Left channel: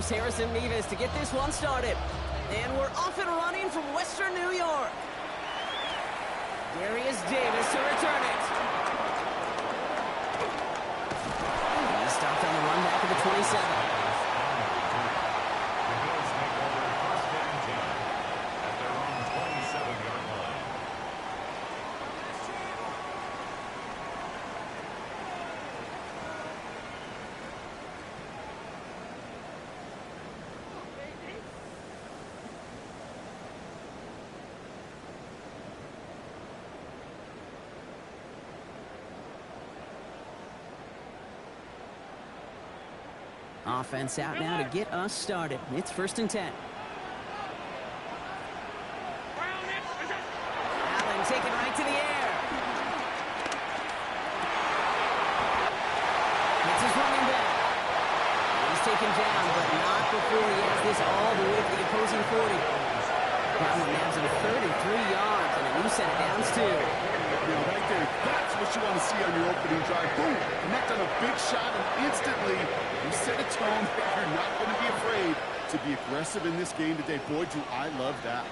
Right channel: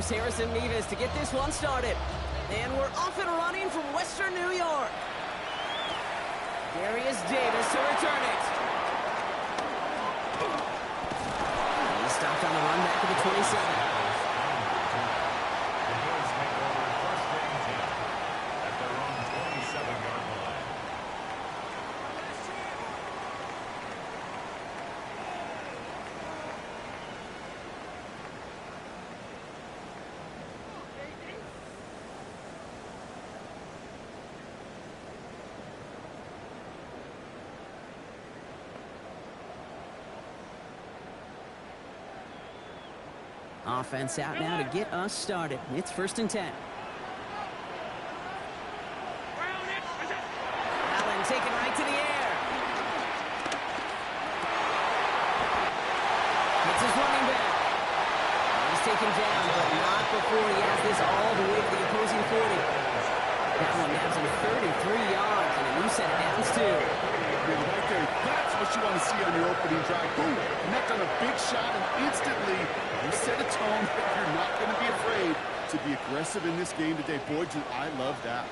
Here's Harrison Nevis to get this one started. And we're off and running from Western New York. Darius Davis to return it. He stopped on the run back at the 27. The Bills take over first and 10 at their own 27-yard line. Offense out now to get us started. It's first and 10. Allen taken right to the air. Hits his running back. He's taken down, but not before he has this all the way to the opposing 40. That one nabs him 33 yards, and a new set of downs, too. Now, right there, that's what you want to see on your opening drive. Boom! Connect on a big shot, and instantly you set a tone that you're not going to be afraid to be aggressive in this game today. Boy, do I love that.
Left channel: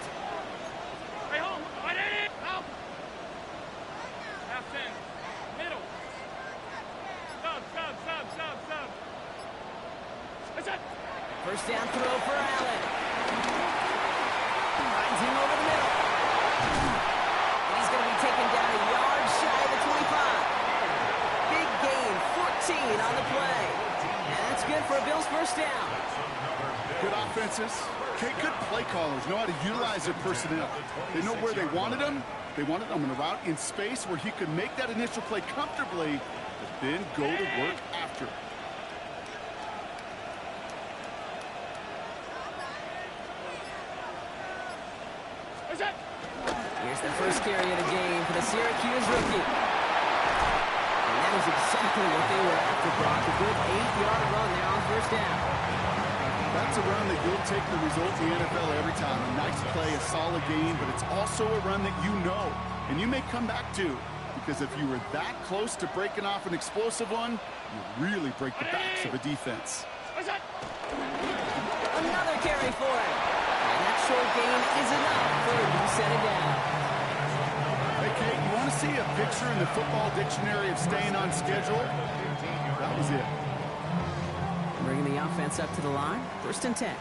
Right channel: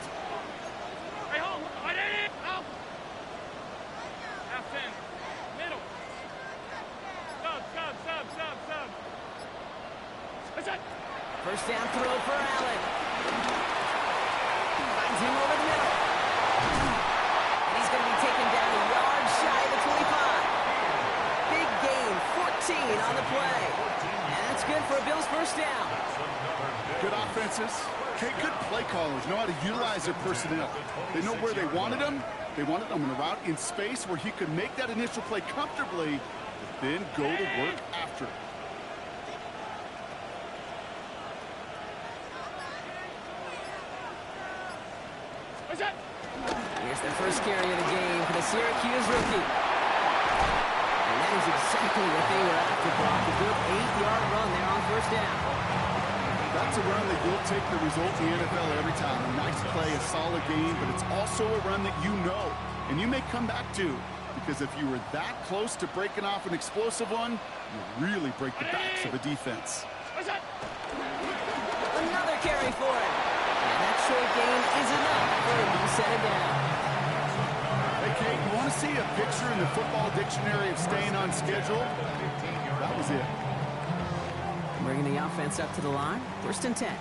Hey, hold on. I did it! Help! Half 10. Middle. Sub. That's it! First down throw for Allen. Finds him over the middle. And he's going to be taken down a yard shy of the 25. Big gain, 14 on the play. And that's good for a Bills first down. Good offenses. Okay, good play callers know how to utilize their personnel. They know where they wanted them. They wanted them in a route in space where he could make that initial play comfortably, but then go to work after. Here's the first carry of the game for the Syracuse rookie. And that is exactly what they were after, Brock. A good 8-yard run there on first down. That's a run that you'll take the result in the NFL every time. A nice play, a solid game, but it's also a run that you know, and you may come back to, because if you were that close to breaking off an explosive one, you really break the backs of a defense. Another carry for him. And that short gain is enough for a new set of downs. Hey, Kate, you want to see a picture in the football dictionary of staying on schedule? That was it. Bringing the offense up to the line. First and 10.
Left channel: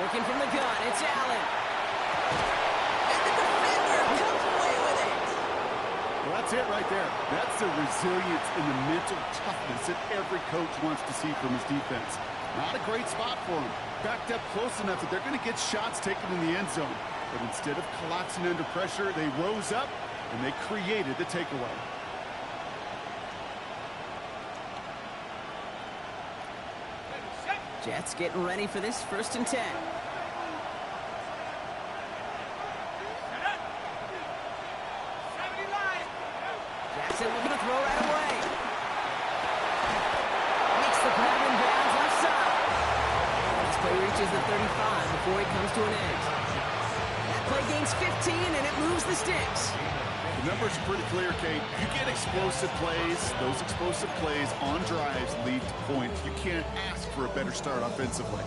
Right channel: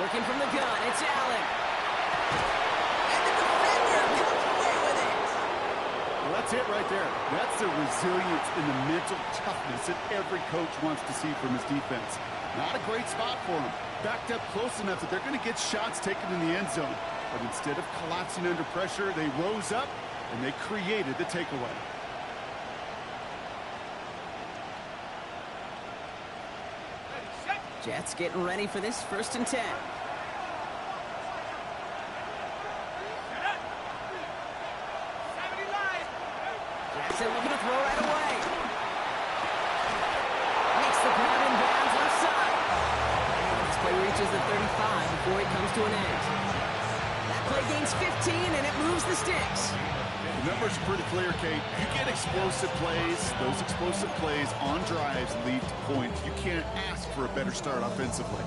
Working from the gun, it's Allen. And the defender comes away with it. Well, that's it right there. That's the resilience and the mental toughness that every coach wants to see from his defense. Not a great spot for him. Backed up close enough that they're going to get shots taken in the end zone. But instead of collapsing under pressure, they rose up and they created the takeaway. Jets getting ready for this first and 10. Jackson looking to throw right away. Makes the grab in bounds left side. This play reaches the 35 before it comes to an end. That play gains 15 and it moves the sticks. The numbers are pretty clear, Kate. You get explosive plays. Those explosive plays on drives lead to points. You can't ask for a better start offensively.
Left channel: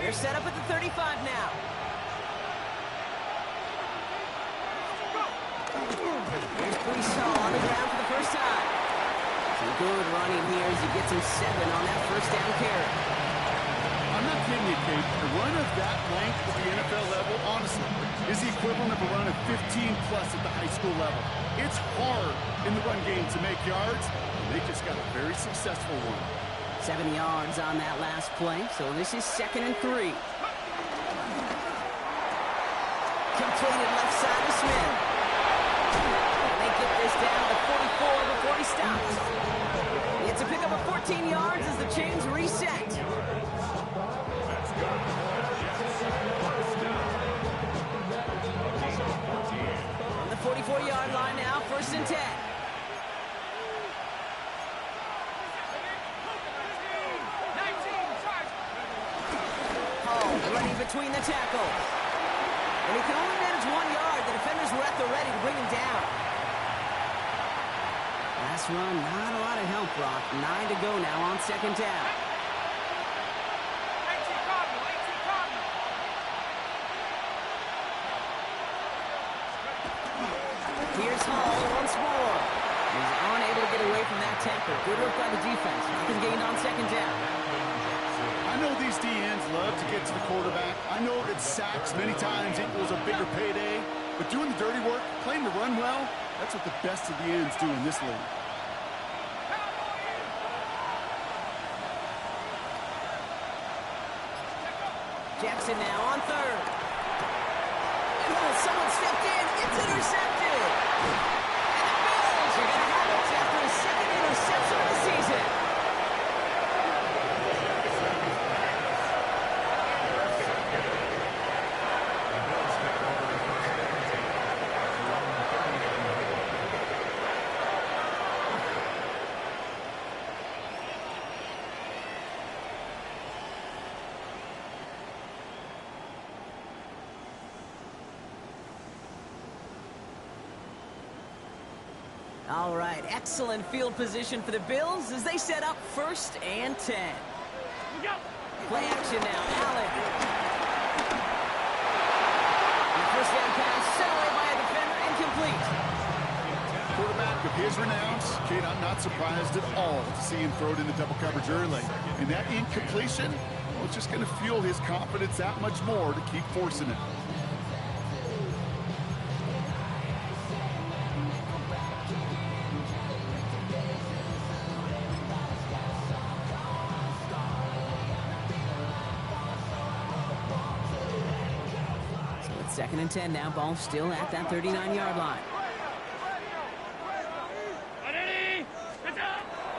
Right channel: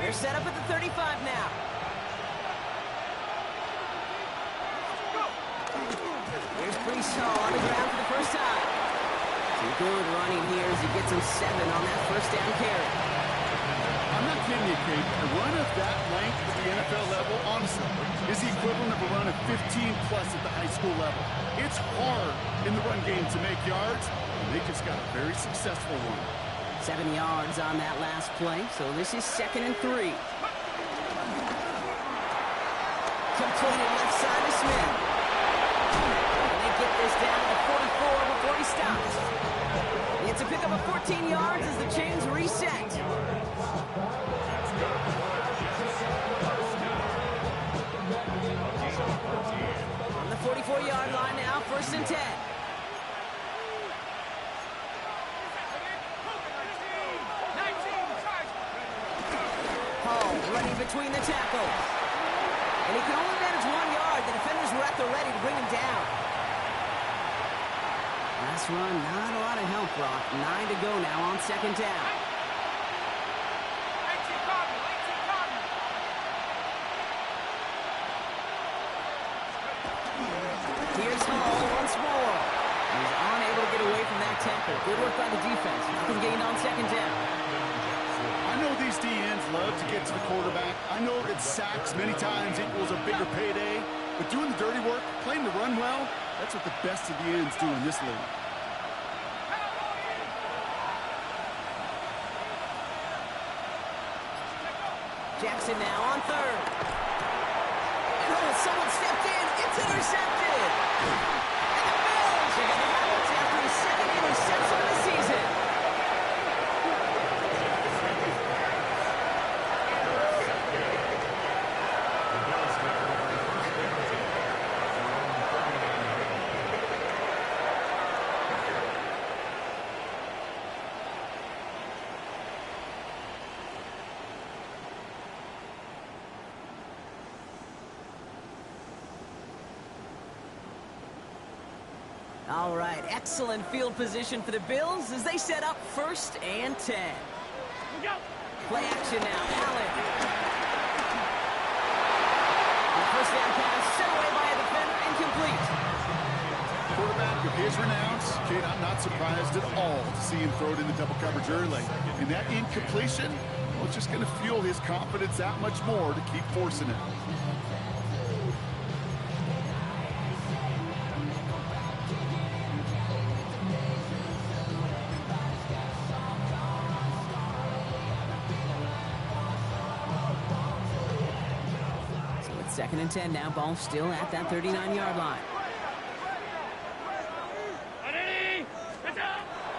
They're set up at the 35 now. Here's Brees on the ground for the first time. Some good running here as he gets him 7 on that first down carry. I'm not kidding you, Kate. A run of that length at the NFL level, honestly, is the equivalent of a run of 15-plus at the high school level. It's hard in the run game to make yards, and they just got a very successful one. 7 yards on that last play, so this is 2nd and 3. Completed left side to Smith. And they get this down to the 44 before he stops. It's a pickup of 14 yards as the chains reset. From the 44-yard line now, 1st and 10. Hall running between the tackles. And he can only manage 1 yard. The defenders were at the ready to bring him down. Last run, not a lot of help, Brock. 9 to go now on second down. Here's Hall once more. He's unable to get away from that tackle. Good work by the defense. Nothing gained on second down. I know these DNs love to get to the quarterback. I know that sacks many times equals a bigger payday. But doing the dirty work, playing to run well, that's what the best of the ends do in this league. Jackson now on third. And someone stepped in. It's intercepted. And the Bills are going to have it after his second interception of the season. The Bills take over the first down at their own 39-yard line. All right, excellent field position for the Bills as they set up 1st and 10. Play action now, Allen. And the first down pass sent away by a defender, incomplete. Quarterback of his renown, kid, I'm not surprised at all to see him throw it in the double coverage early. And that incompletion, well, it's just going to fuel his confidence that much more to keep forcing it. Second and 10 now. Ball still at that 39-yard line.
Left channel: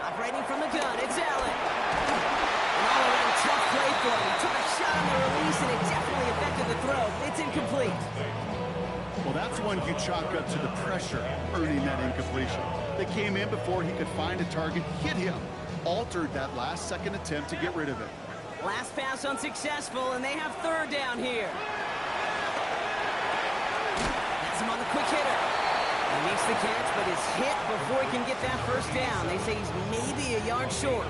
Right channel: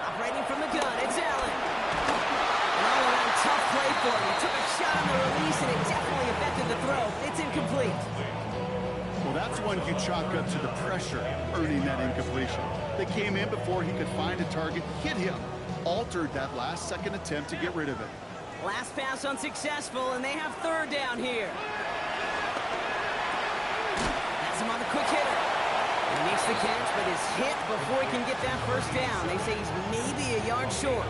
Operating from the gun, it's Allen. An all-around tough play for him. He took a shot on the release, and it definitely affected the throw. It's incomplete. Well, that's one you chalk up to the pressure earning that incompletion. They came in before he could find a target, hit him, altered that last-second attempt to get rid of it. Last pass unsuccessful, and they have third down here. Him on the quick hitter. He makes the catch, but is hit before he can get that first down. They say he's maybe a yard short.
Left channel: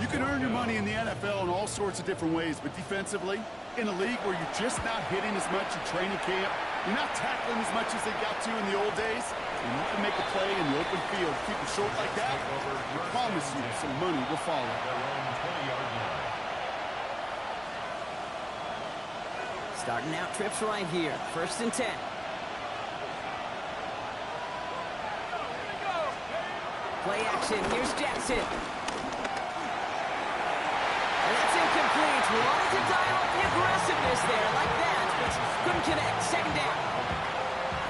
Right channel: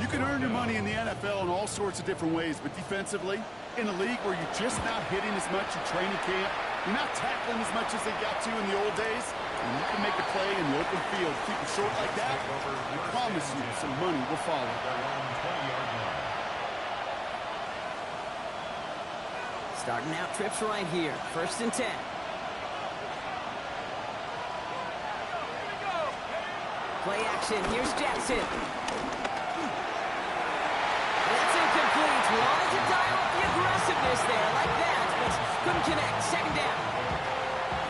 You can earn your money in the NFL in all sorts of different ways, but defensively, in a league where you're just not hitting as much in training camp, you're not tackling as much as they got to in the old days, and you can make a play in the open field, keep it short like that, I promise you some money will follow. Their own 20-yard line. Starting out trips right here. 1st and 10. Play action. Here's Jackson. And that's incomplete. Wanted to dial up the aggressiveness there like that, but couldn't connect. Second down.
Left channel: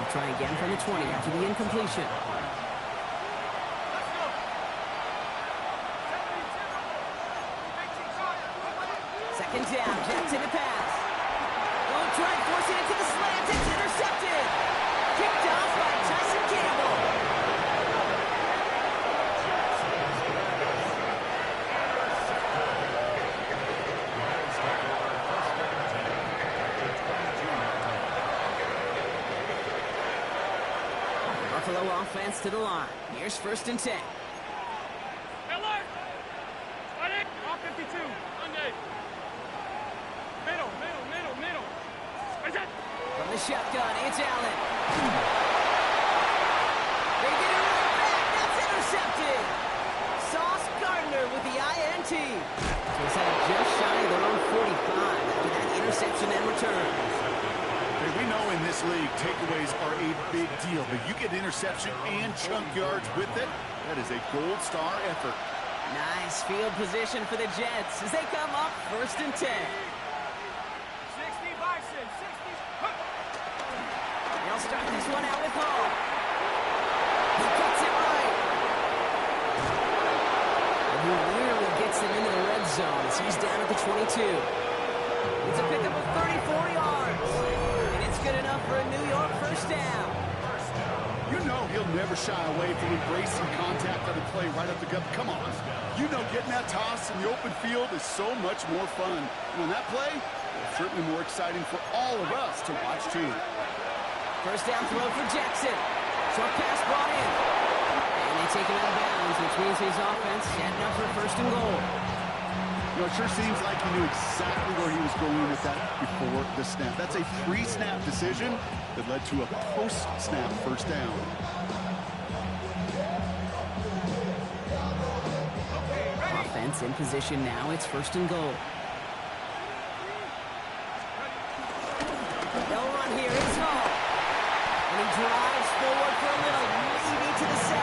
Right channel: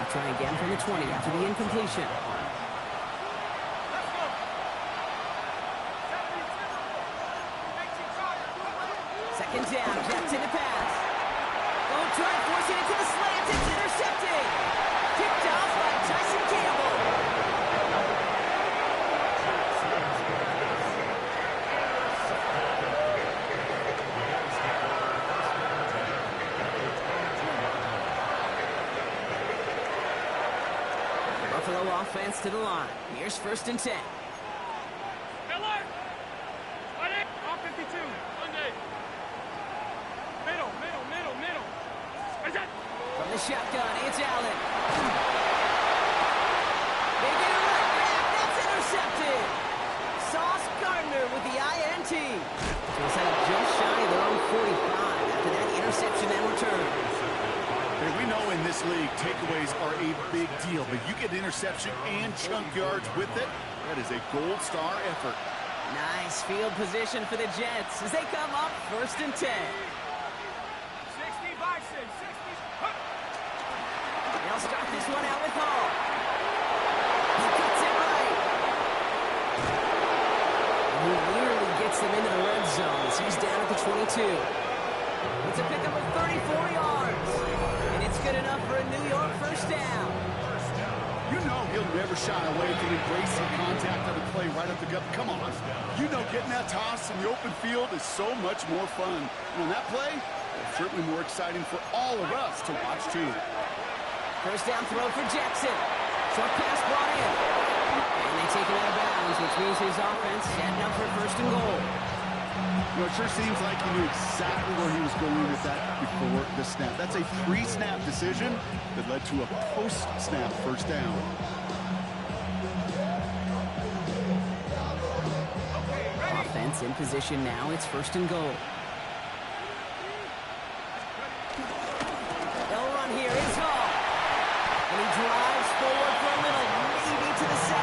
We'll try again from the 20 after the incompletion. Second down. Jackson to pass. Try forcing it to the slant. It's intercepted. Kicked off by Tyson Campbell. The Buffalo offense to the line. Here's 1st and 10. Alert! All 52. Monday. Middle. From the shotgun, it's Allen. They get it right back. That's intercepted. Sauce Gardner with the INT. So it's set up just shy of their own 45 after that interception and return. Hey, we know in this league, takeaways are a big deal, but you get interception and chunk yards with it, that is a gold star effort. Nice field position for the Jets as they come up 1st and 10. 60 Bison, 60. They'll start this one out with Hall. He cuts it right. And he nearly gets them into the red zone as he's down at the 22. It's a pickup of 34 yards. And it's good enough for a New York first down. You know he'll never shy away from embracing contact on the play right up the gut. Come on. You know getting that toss in the open field is so much more fun. And on that play, Certainly more exciting for all of us to watch, too. First down throw for Jackson. Short pass brought in. And they take him out of bounds, which means his offense setting up for first and goal. You know, it sure seems like he knew exactly where he was going with that before the snap. That's a pre-snap decision that led to a post-snap first down. Offense in position now. It's first and goal. They'll run here. It's Hall. And he drives forward for a little, maybe to the 7.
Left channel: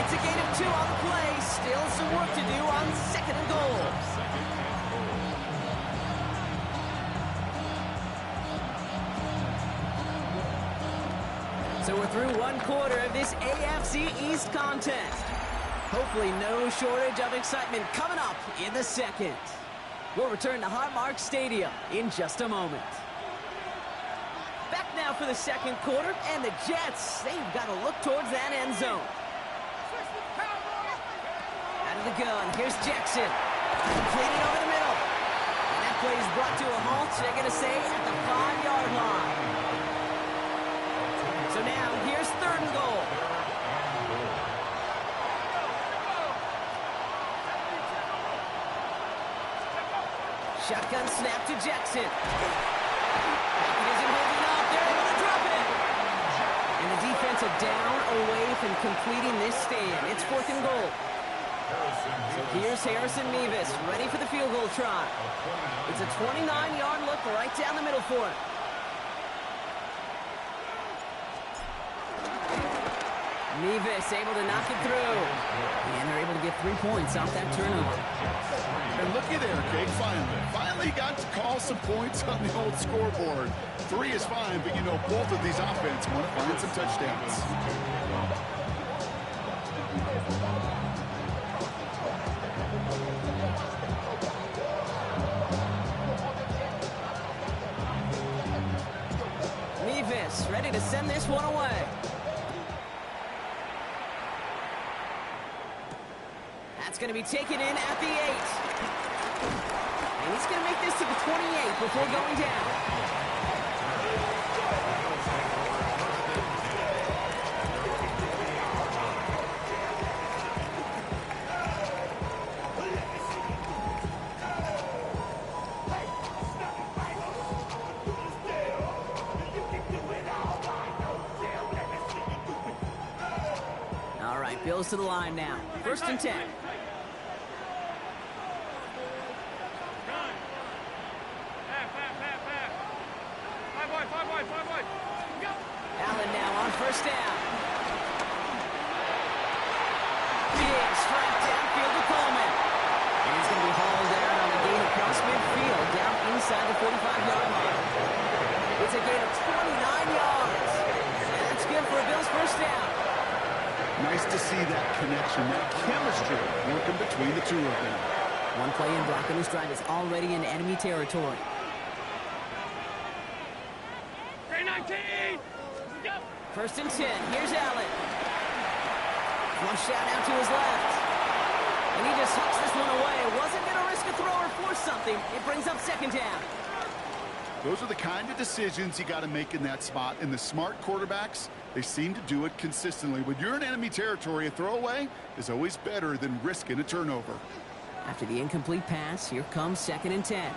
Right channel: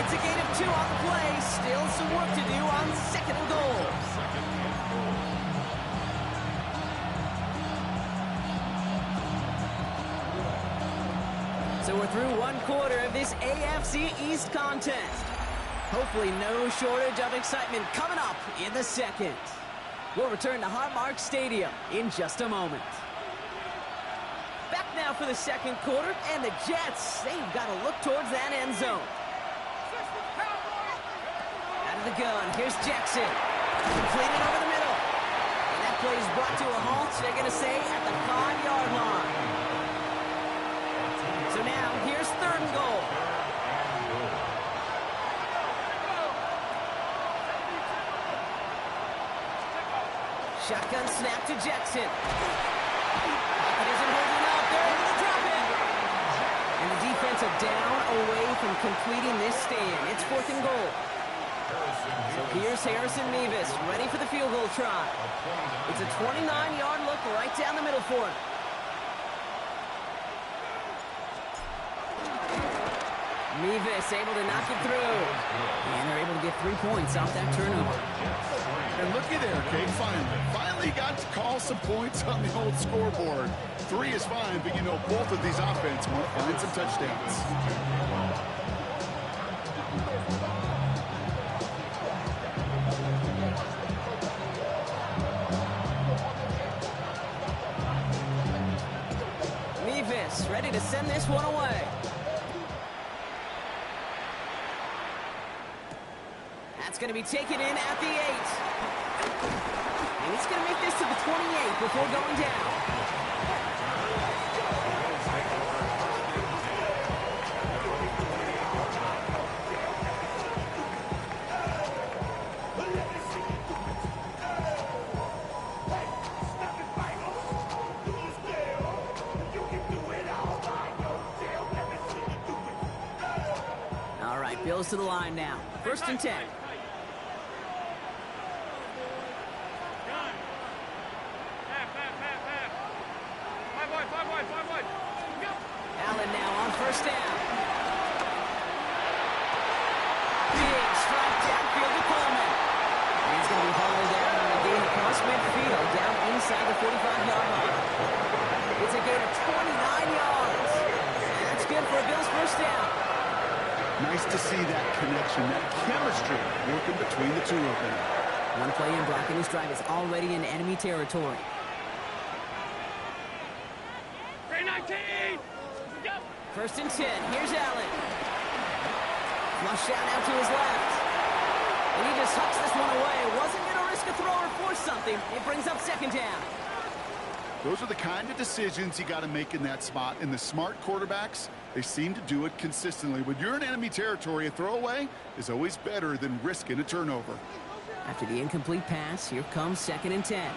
It's a gain of 2 on the play. Still some work to do on second and goal. So we're through one quarter of this AFC East contest. Hopefully no shortage of excitement coming up in the second. We'll return to Highmark Stadium in just a moment. Back now for the second quarter, and the Jets, they've got to look towards that end zone. Out of the gun, here's Jackson. Completed over the middle. And that play is brought to a halt, they're going to say, at the 5-yard line. So now, here's third and goal. Shotgun snap to Jackson. Pocket isn't holding up. They're able to drop it. And the defense are down away from completing this stand. It's fourth and goal. So here's Harrison Mevis, ready for the field goal try. It's a 29-yard look right down the middle for him. Mevis able to knock it through. And they're able to get 3 points off that turnover. And looky there, Kate, finally got to call some points on the old scoreboard. 3 is fine, but you know both of these offenses want to find some touchdowns. Mevis ready to send this one away. That's going to be taken in at the 8. And he's going to make this to the 28 before going down. All right, Bills to the line now. First and 10. Allen now on first down. Big strike downfield to Coleman. And he's going to be hauled down on a gain across midfield, down inside the 45-yard line. It's a gain of 29 yards. And that's good for a Bills first down. Nice to see that connection, that chemistry working between the two of them. One play in, Brock, and his drive is already in enemy territory. 19! First and 10. Here's Allen. Flushed out now to his left. And he just hucks this one away. Wasn't going to risk a throw or force something. It brings up second down. Those are the kind of decisions you got to make in that spot. And the smart quarterbacks, they seem to do it consistently. When you're in enemy territory, a throwaway is always better than risking a turnover. After the incomplete pass, here comes second and 10.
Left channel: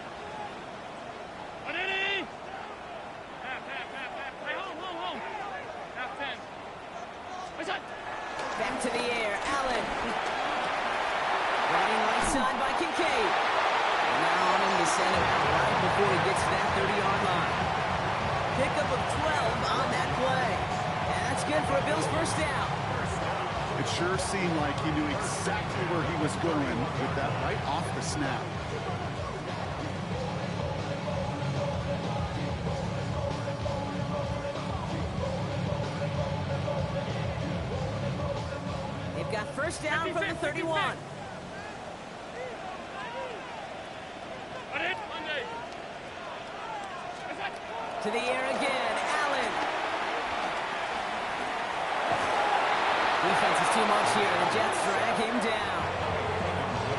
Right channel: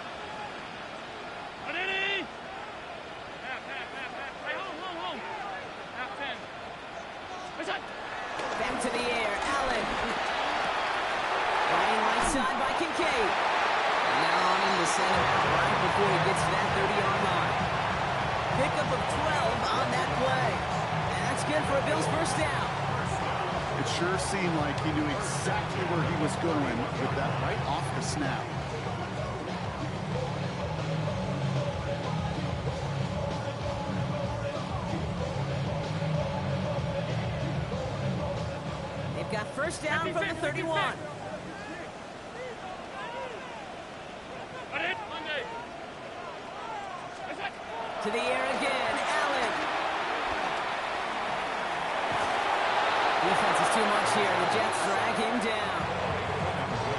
Back to the air, Allen. Running right side by Kincaid. And now on him to send him out right before he gets to that 30-yard line. Pickup of 12 on that play. And that's good for a Bills first down. It sure seemed like he knew exactly where he was going with that right off the snap. They've got first down from the 31. To the air again, Allen. Defense is too much here. The Jets drag him down.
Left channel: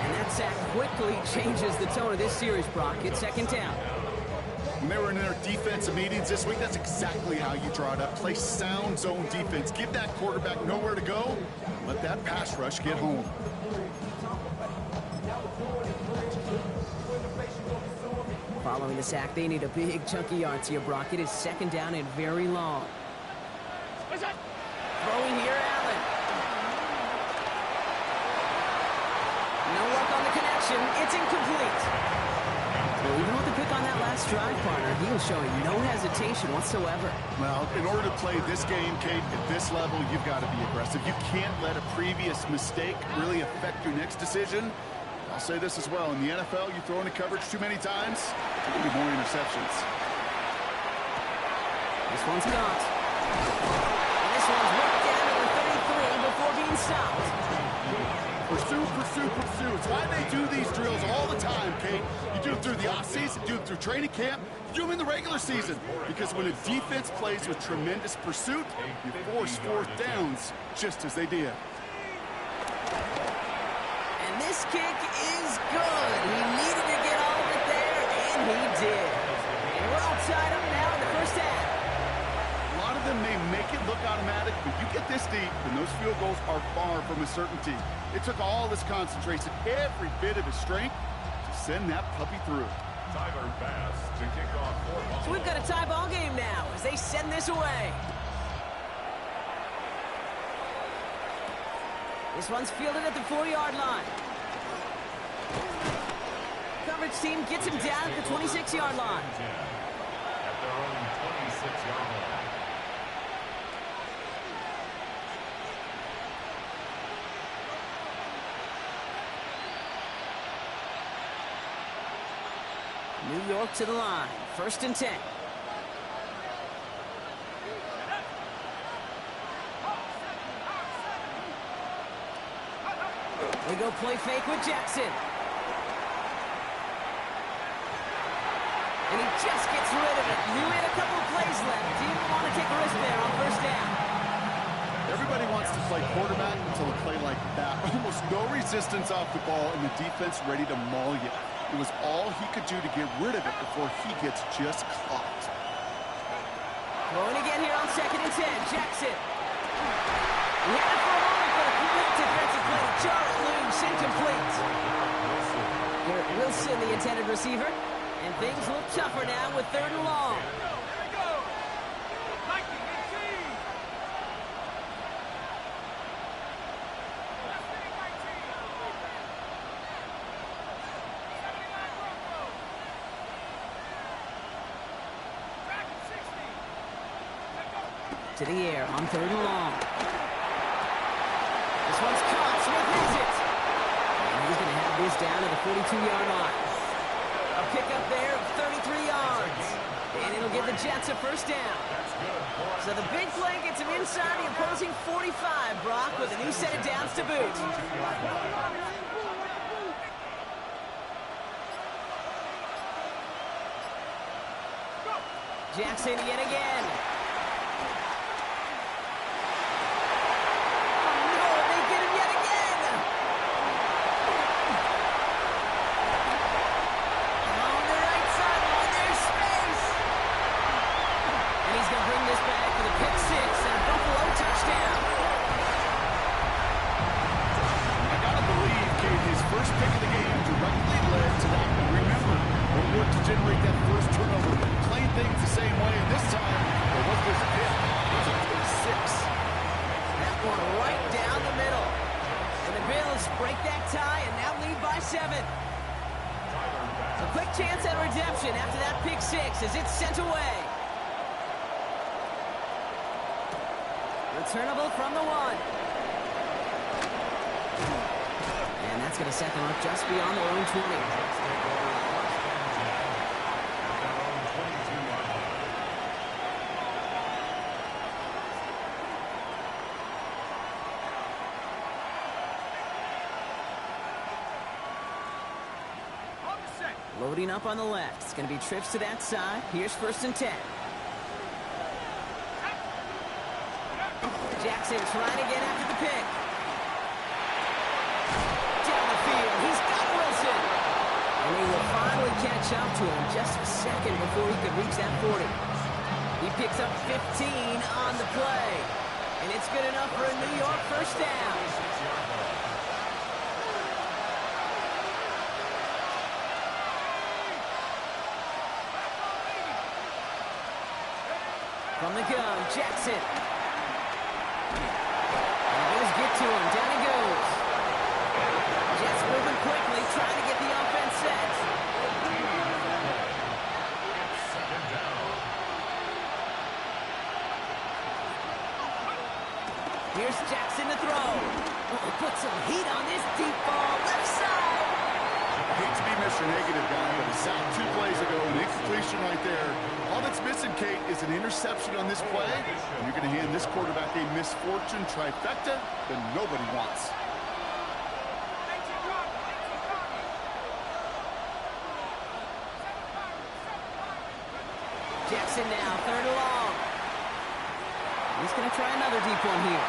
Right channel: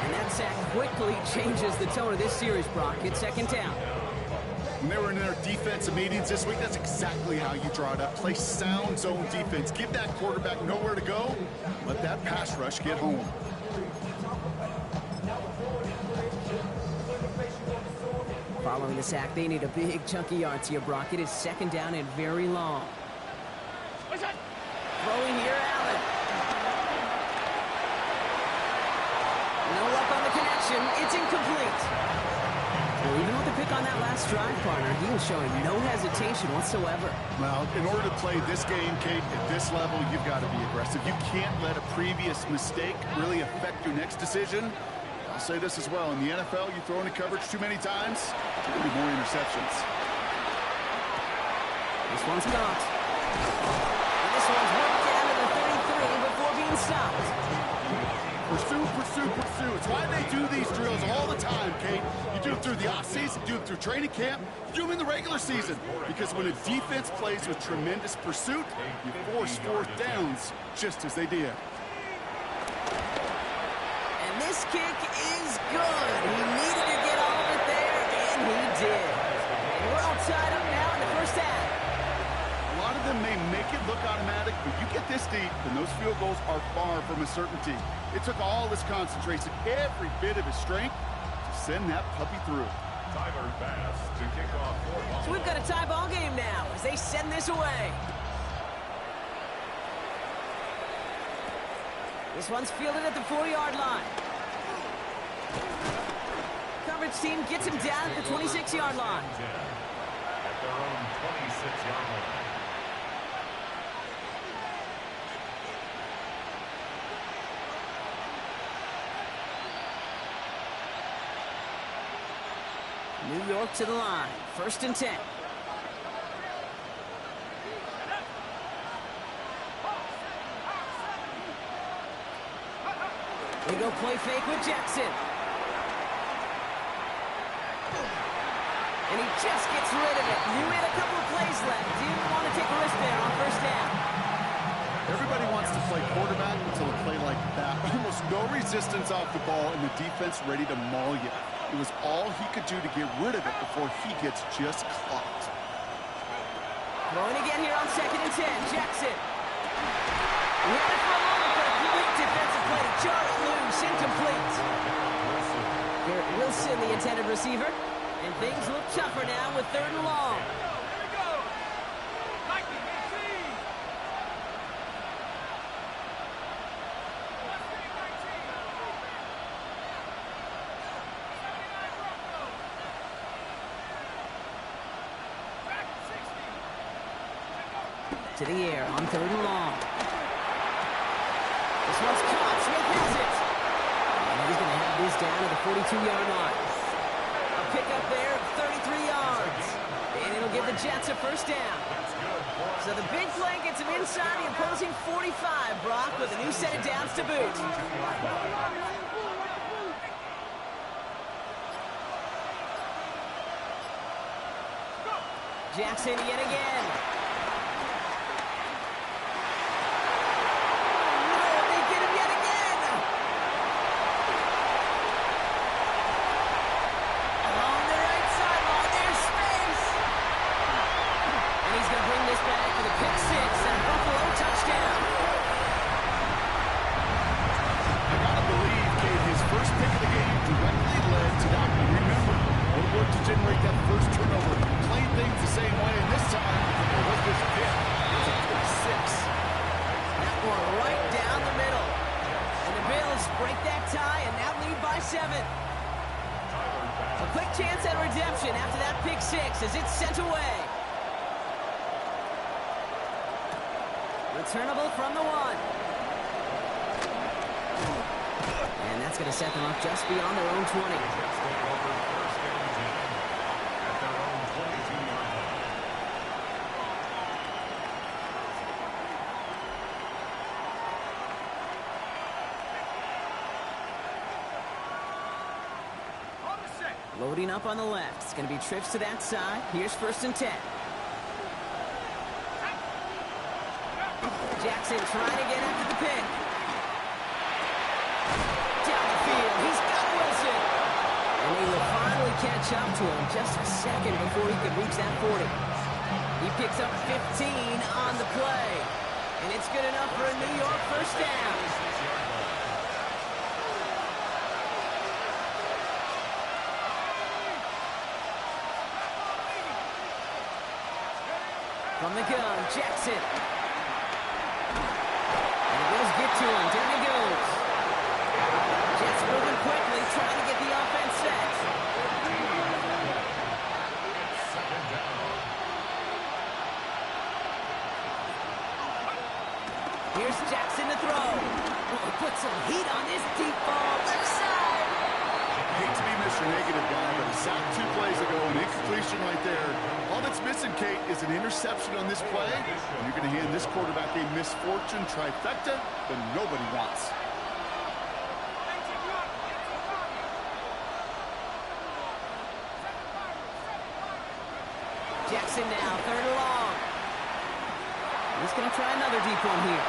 And that That sack quickly changes the tone of this series, Brock. It's second down. When they were in their defensive meetings this week, that's exactly how you draw it up. Play sound zone defense. Give that quarterback nowhere to go. Let that pass rush get home. Following the sack, they need a big chunky yards here, Brock. It is second down and very long. Throwing here, Allen. No luck on the connection. It's incomplete. Well, even with the pick on that last drive, partner, he was showing no hesitation whatsoever. Well, in order to play this game, Kate, at this level, you've got to be aggressive. You can't let a previous mistake really affect your next decision. I'll say this as well. In the NFL, you throw into coverage too many times, there's going to be more interceptions. This one's caught. And this one's worked down to the 33 before being stopped. Pursue, pursue, pursue. It's why they do these drills all the time, Kate. You do it through the offseason, do it through training camp, you do them in the regular season. Because when a defense plays with tremendous pursuit, you force fourth downs just as they did. And this kick is good. He needed to get all of it there, and he did. And we're all tied up now in the first half. A lot of them may make it look automatic, but you get this deep, and those field goals are far from a certainty. It took all his concentration, every bit of his strength, to send that puppy through. Tyler Bass to kick off for Buffalo. So we've got a tie ball game now as they send this away. This one's fielded at the 4-yard line. Coverage team gets him down at the 26-yard line. At their own 26-yard line. New York to the line. First and 10. They go play fake with Jackson. And he just gets rid of it. Knew he had a couple of plays left. Didn't want to take a risk there on first down. Everybody wants to play quarterback until a play like that. Almost no resistance off the ball and the defense ready to maul you. It was all he could do to get rid of it before he gets just caught. Throwing again here on second and 10. Jackson. He had it for a moment, but a quick defensive play to jar it loose. Incomplete. Garrett Wilson, the intended receiver. And things look tougher now with third and long. Here we go. Nike, team. To the air on third and long. This one's caught. Smith has it. And he's going to have this down to the 42-yard line. A pickup there of 33 yards. And it'll give the Jets a first down. So the big play gets him inside the opposing 45, Brock, with a new set of downs to boot. Jackson yet again. First pick of the game directly led to that one. Remember, what worked to generate that first turnover, playing things the same way, and this time, it wasn't just a pick, it was a pick six. That one right down the middle. And the Bills break that tie and now lead by 7. A quick chance at redemption after that pick six as it's sent away. Returnable from the 1. And that's going to set them up just beyond their own 20. Jets take over first and 10 at their own 22-yard line. Loading up on the left. It's going to be trips to that side. Here's first and 10. Jackson trying to get after the pick. Down the field. He's got Wilson. And they will finally catch up to him just a second before he could reach that 40. He picks up 15 on the play. And it's good enough for a New York first down. From the gun, Jackson. And the Bills get to him. Down he goes. Jets moving quickly, trying to get the offense set. Here's Jackson to throw. Oh, he put some heat on this deep ball. Left side. Hate to be Mr. Negative guy, but a sack 2 plays ago, an incompletion right there. All that's missing, Kate, is an interception on this play. And you're going to hand this quarterback a misfortune trifecta that nobody wants. Jackson now, 3rd and long. He's going to try another deep one here.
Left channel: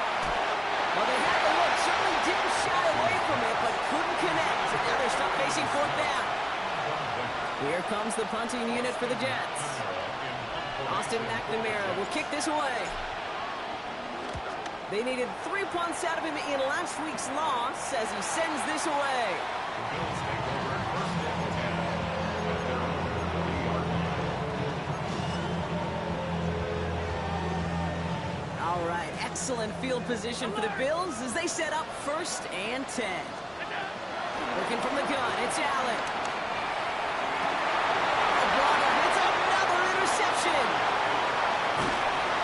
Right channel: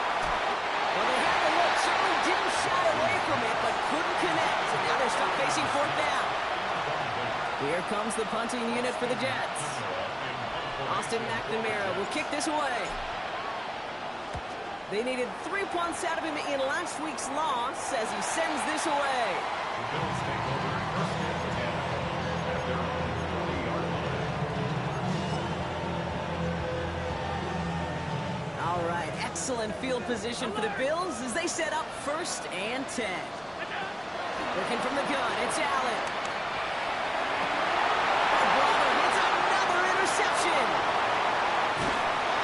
Well, they had the look, certainly didn't shy away from it, but couldn't connect. And now they're stuck facing 4th down. Here comes the punting unit for the Jets. Austin McNamara will kick this away. They needed 3 punts out of him in last week's loss as he sends this away. The Bills take over 1st and 10 at their own 40-yard line. All right, excellent field position for the Bills as they set up 1st and 10. Looking from the gun, it's Allen. Brother hits another interception.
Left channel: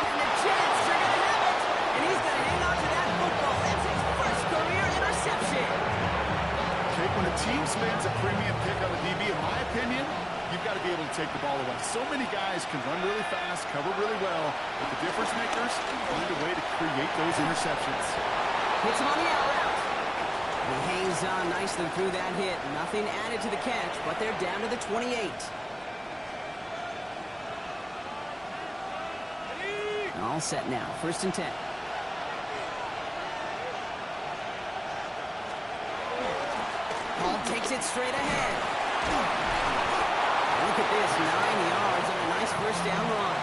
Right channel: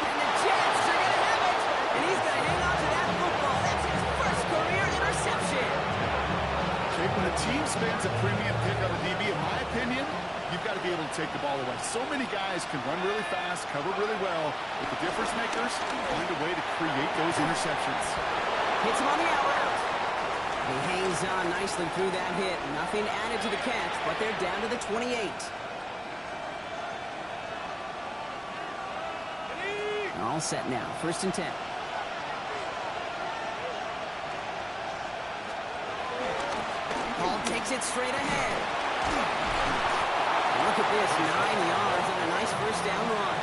And the Jets are going to have it. And he's going to hang on to that football. That's his first career interception. Kate, when a team spends a premium pick on a DB, in my opinion, you've got to be able to take the ball away. So many guys can run really fast, cover really well, but the difference makers find a way to create those interceptions. Hits him on the out route. He hangs on nicely through that hit. Nothing added to the catch, but they're down to the 28. All set now. 1st and 10. Paul takes it straight ahead. Look at this, 9 yards on a nice first down run.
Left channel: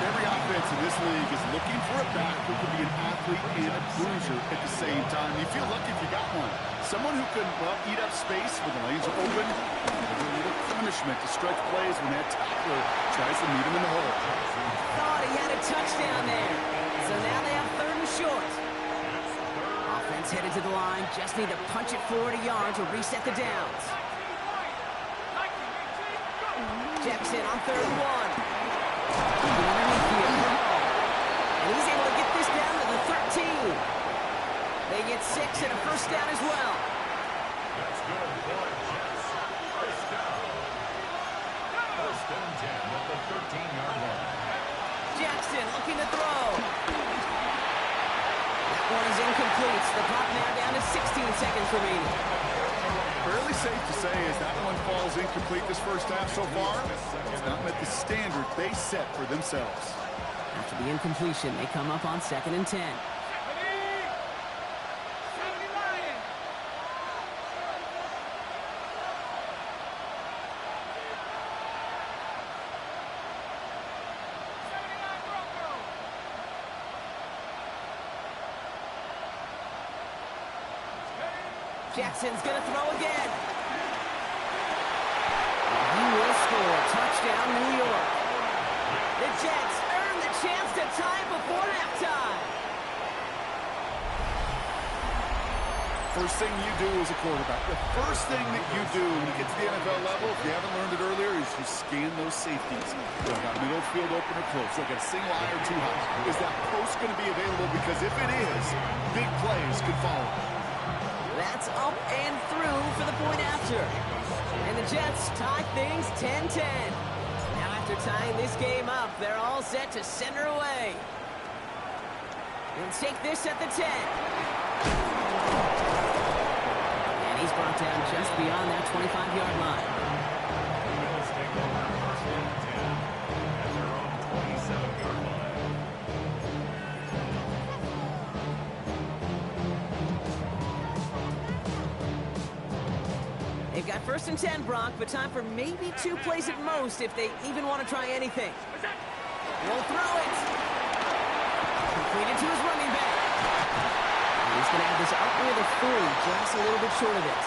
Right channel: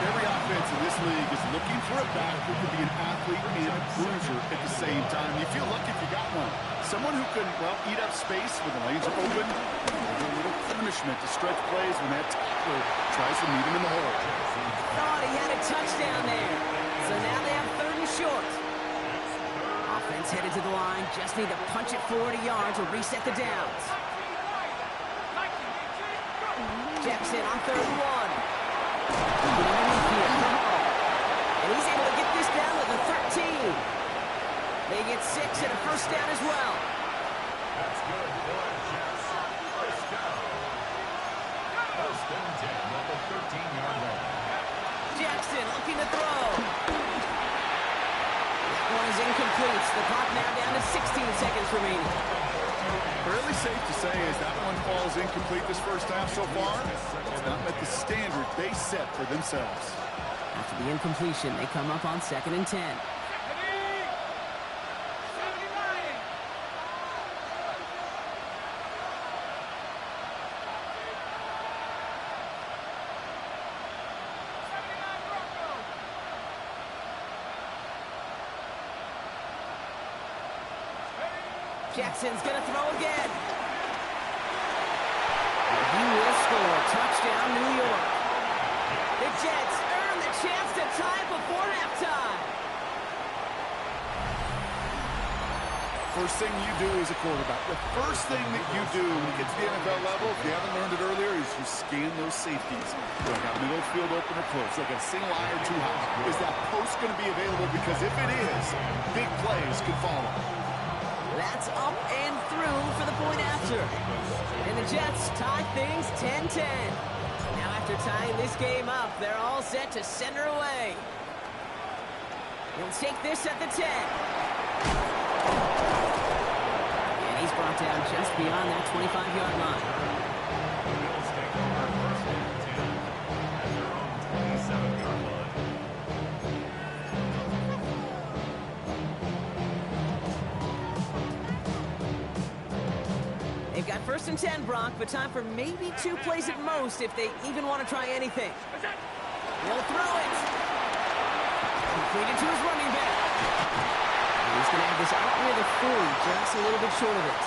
Every offense in this league is looking for a back who can be an athlete and a bruiser at the same time. You feel lucky if you got one. Someone who can, well, eat up space when the lanes are open. A little punishment to stretch plays when that tackler tries to meet him in the hole. Thought he had a touchdown there. So now they have 3rd and short. Offense headed to the line. Just need to punch it 40 yards or reset the downs. Jackson on 3rd and 1. Underneath here for Hall. And he's able to get this down to the 13. They get 6 and a first down as well. That's good for Jets. First down. 1st and 10 at the 13-yard line. Jackson looking to throw. That one is incomplete. The clock now down to 16 seconds remaining. Fairly safe to say as that one falls incomplete this first half so far, it's not met the standard they set for themselves. After the incompletion, they come up on 2nd and 10. Jackson's going to throw again. And he will score. Touchdown, New York. The Jets earn the chance to tie before halftime. First thing you do as a quarterback, the first thing that you do when you get to the NFL level, if you haven't learned it earlier, is you scan those safeties. Do I got middle field open or close? Do I got a single eye or too high? Is that post going to be available? Because if it is, big plays can follow. That's up and through for the point after. And the Jets tie things 10-10. Now after tying this game up, they're all set to send her away. He'll take this at the 10. And he's brought down just beyond that 25-yard line. The Bills take over 1st and 10 at their own 27-yard line. They've got 1st and 10, Brock, but time for maybe 2 plays at most if they even want to try anything. He'll throw it. Completed to his running back. And he's going to have this out near the 40, just a little bit short of it.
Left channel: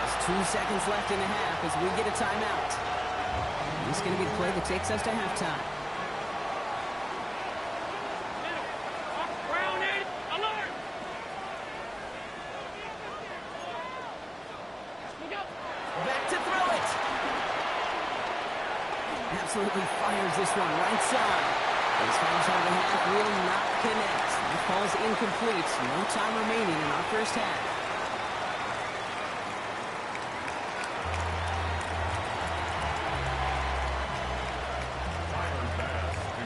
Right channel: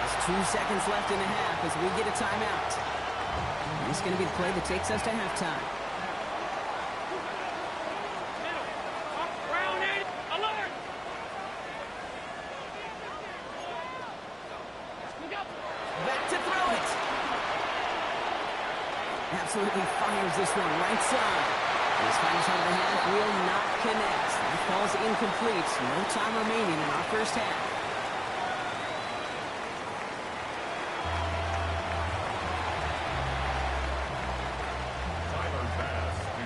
Just 2 seconds left in the half as we get a timeout. And this is going to be the play that takes us to halftime. Back to throw it. Absolutely fires this one right side. His final shot of the half will not connect. That ball's incomplete. No time remaining in our first half.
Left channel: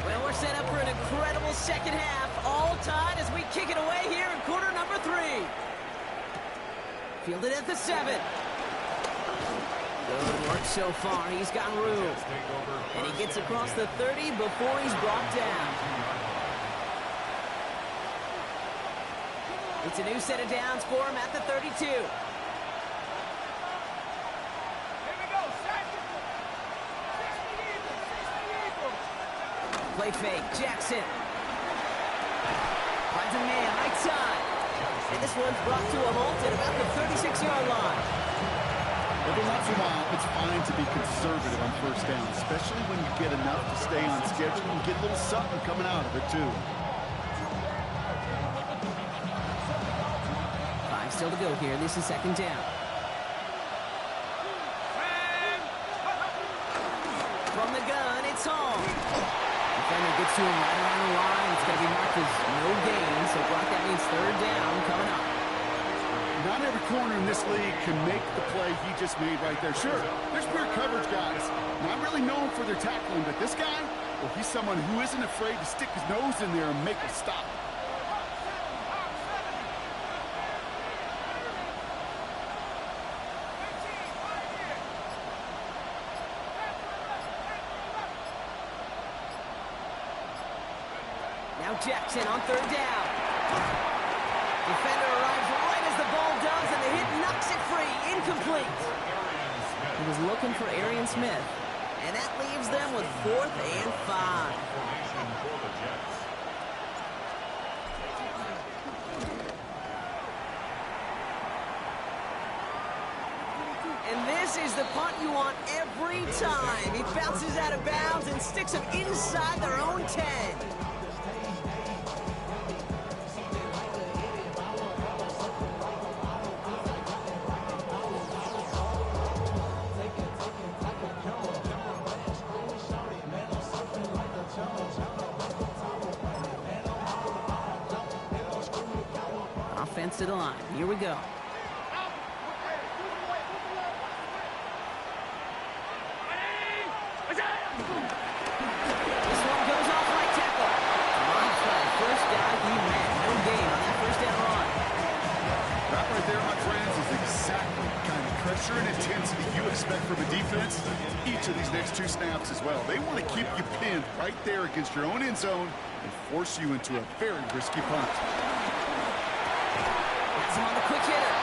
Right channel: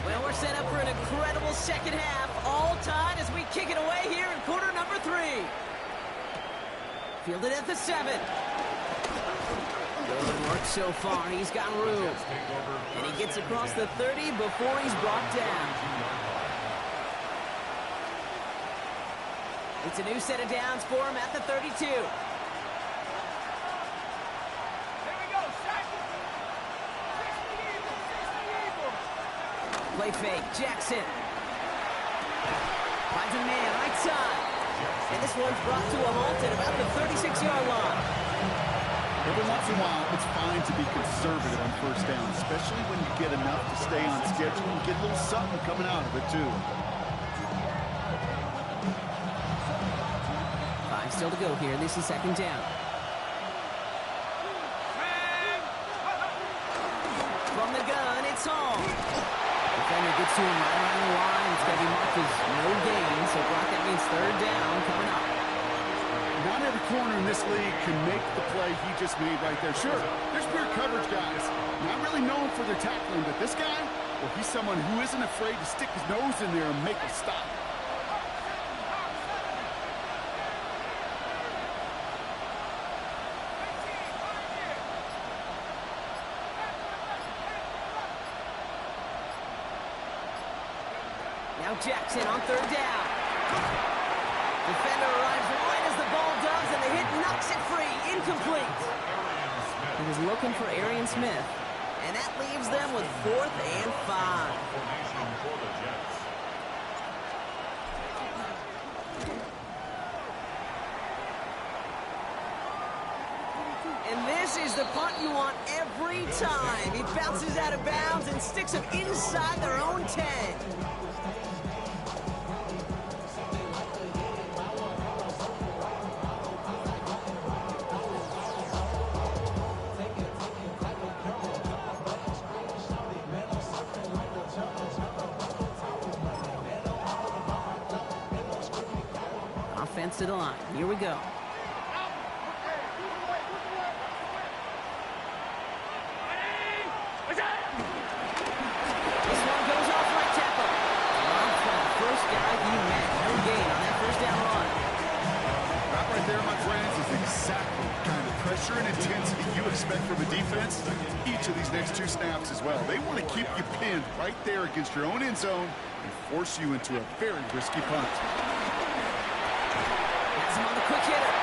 Well, we're set up for an incredible second half. All tied as we kick it away here in quarter number 3. Fielded at the 7. Good work so far. He's got room. And he gets across the 30 before he's brought down. It's a new set of downs for him at the 32. Here we go, second. 60 Play fake. Jackson. Finds a man right side. And this one's brought to a halt at about the 36-yard line. Every once in a while, it's fine to be conservative on 1st down, especially when you get enough to stay on schedule and get a little something coming out of it, too. 5 still to go here. This is 2nd down. From the gun, it's home. Defender gets to him right around the line. It's going to be marked as no gain, so Brock, that means 3rd down coming up. Not every corner in this league can make the play he just made right there. Sure, there's pure coverage guys. Not really known for their tackling, but this guy, well, he's someone who isn't afraid to stick his nose in there and make a stop. Now Jackson on 3rd down. Defender arrives right as the ball does, and the hit knocks it free. Incomplete. He was looking for Arian Smith, and that leaves them with 4th and 5. And this is the punt you want every time. He bounces out of bounds and sticks them inside their own 10. Offense to the line. Here we go. This one goes off right tackle. Rob's the first guy he met. No gain on that 1st down run. That right there, my friends, is exactly the kind of pressure and intensity you expect from a defense. Each of these next 2 snaps as well. They want to keep you pinned right there against your own end zone and force you into a very risky punt. Has him on the quick hitter.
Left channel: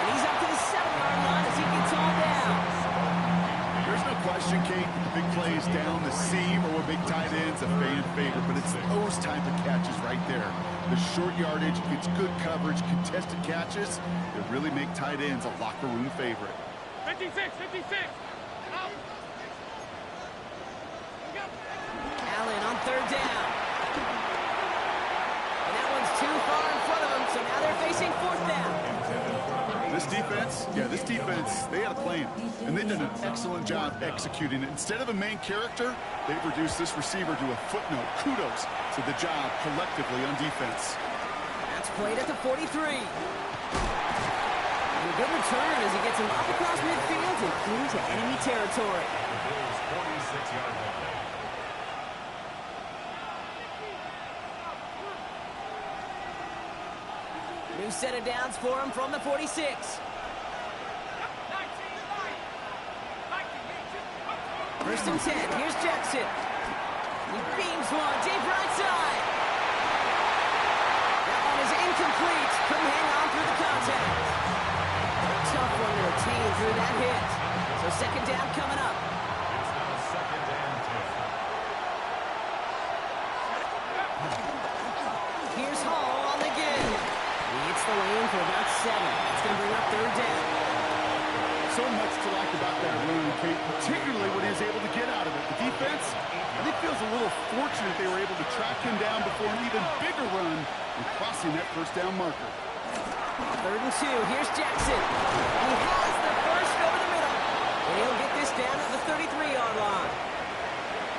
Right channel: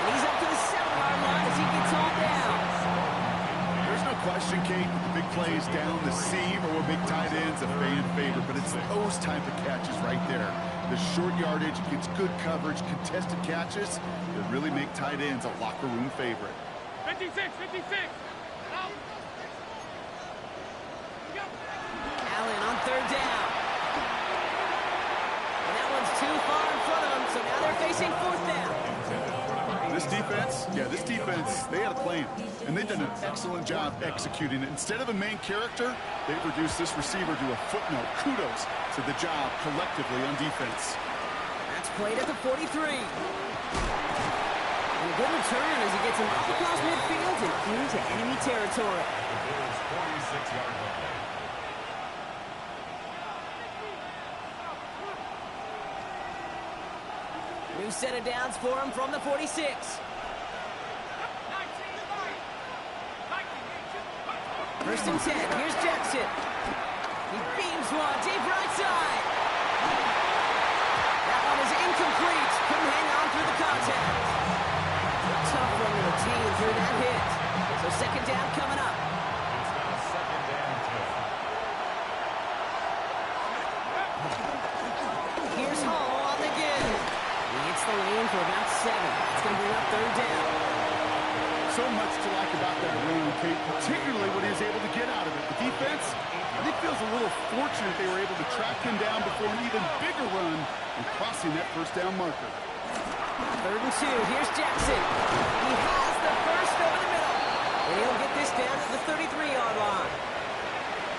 And he's up to the 7-yard line as he gets all down. There's no question, Kate, that the big plays down the seam or what make tight ends a fan favorite, but it's those type of catches right there. The short yardage against good coverage, contested catches that really make tight ends a locker room favorite. 56. Out. Allen on 3rd down. And that one's too far in front of him, so now they're facing 4th down. This defense, they had a plan, and they've done an excellent job executing it. Instead of a main character, they've reduced this receiver to a footnote. Kudos to the job collectively on defense. That's played at the 43. And a good return as he gets him up across midfield and into enemy territory. The Bills' 46-yard line. New set of downs for him from the 46. 1st and 10. Here's Jackson. He beams one deep right side. That one is incomplete. Couldn't hang on through the contact. Tough one to retain through that hit. So second down coming up. It's now second and 10. Here's Hall on the give. He hits the lane for about 7. It's going to bring up third down. So much to like about that run, Kate, particularly when he was able to get out of it. The defense, I think, feels a little fortunate they were able to track him down before an even bigger run and crossing that first down marker. Third and 2. Here's Jackson. He has the first over the middle. And he'll get this down at the 33-yard line.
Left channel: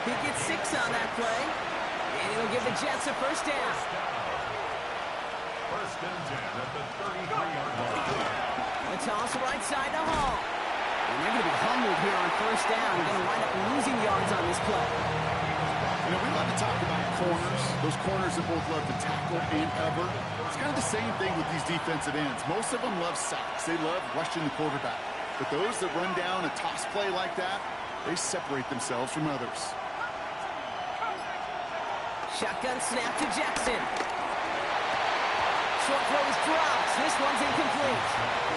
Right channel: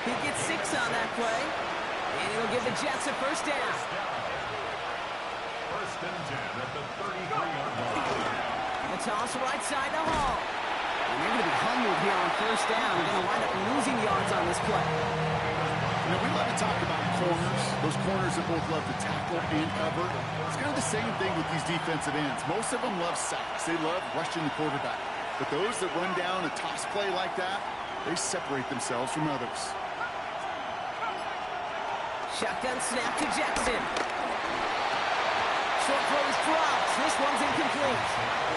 He gets 6 on that play. And he'll give the Jets a first down. First and 10 at the 33-yard line. The toss right side to Hall. And they're going to be humbled here on first down. They're going to wind up losing yards on this play. You know, we love to talk about corners, those corners that both love to tackle and cover. It's kind of the same thing with these defensive ends. Most of them love sacks. They love rushing the quarterback. But those that run down a toss play like that, they separate themselves from others. Shotgun snap to Jackson. Short throw is dropped. This one's incomplete.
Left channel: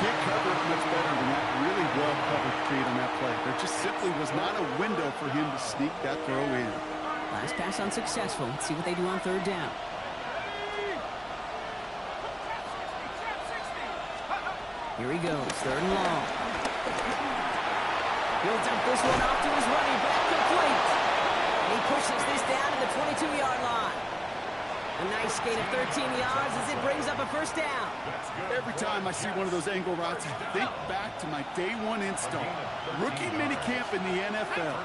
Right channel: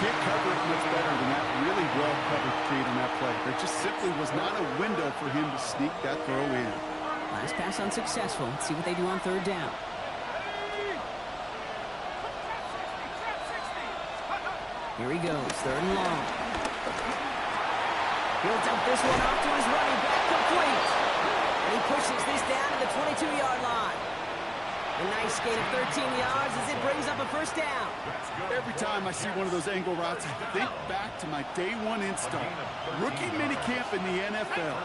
Can't cover it much better than that really well-covered Kate on that play. There just simply was not a window for him to sneak that throw in. Last pass unsuccessful. Let's see what they do on third down. Here he goes, third and long. He'll dump this one off to his running back, complete. And he pushes this down to the 22-yard line. A nice gain of 13 yards as it brings up a first down. Every time I see one of those angle routes, I think back to my day one install. Rookie minicamp in the NFL.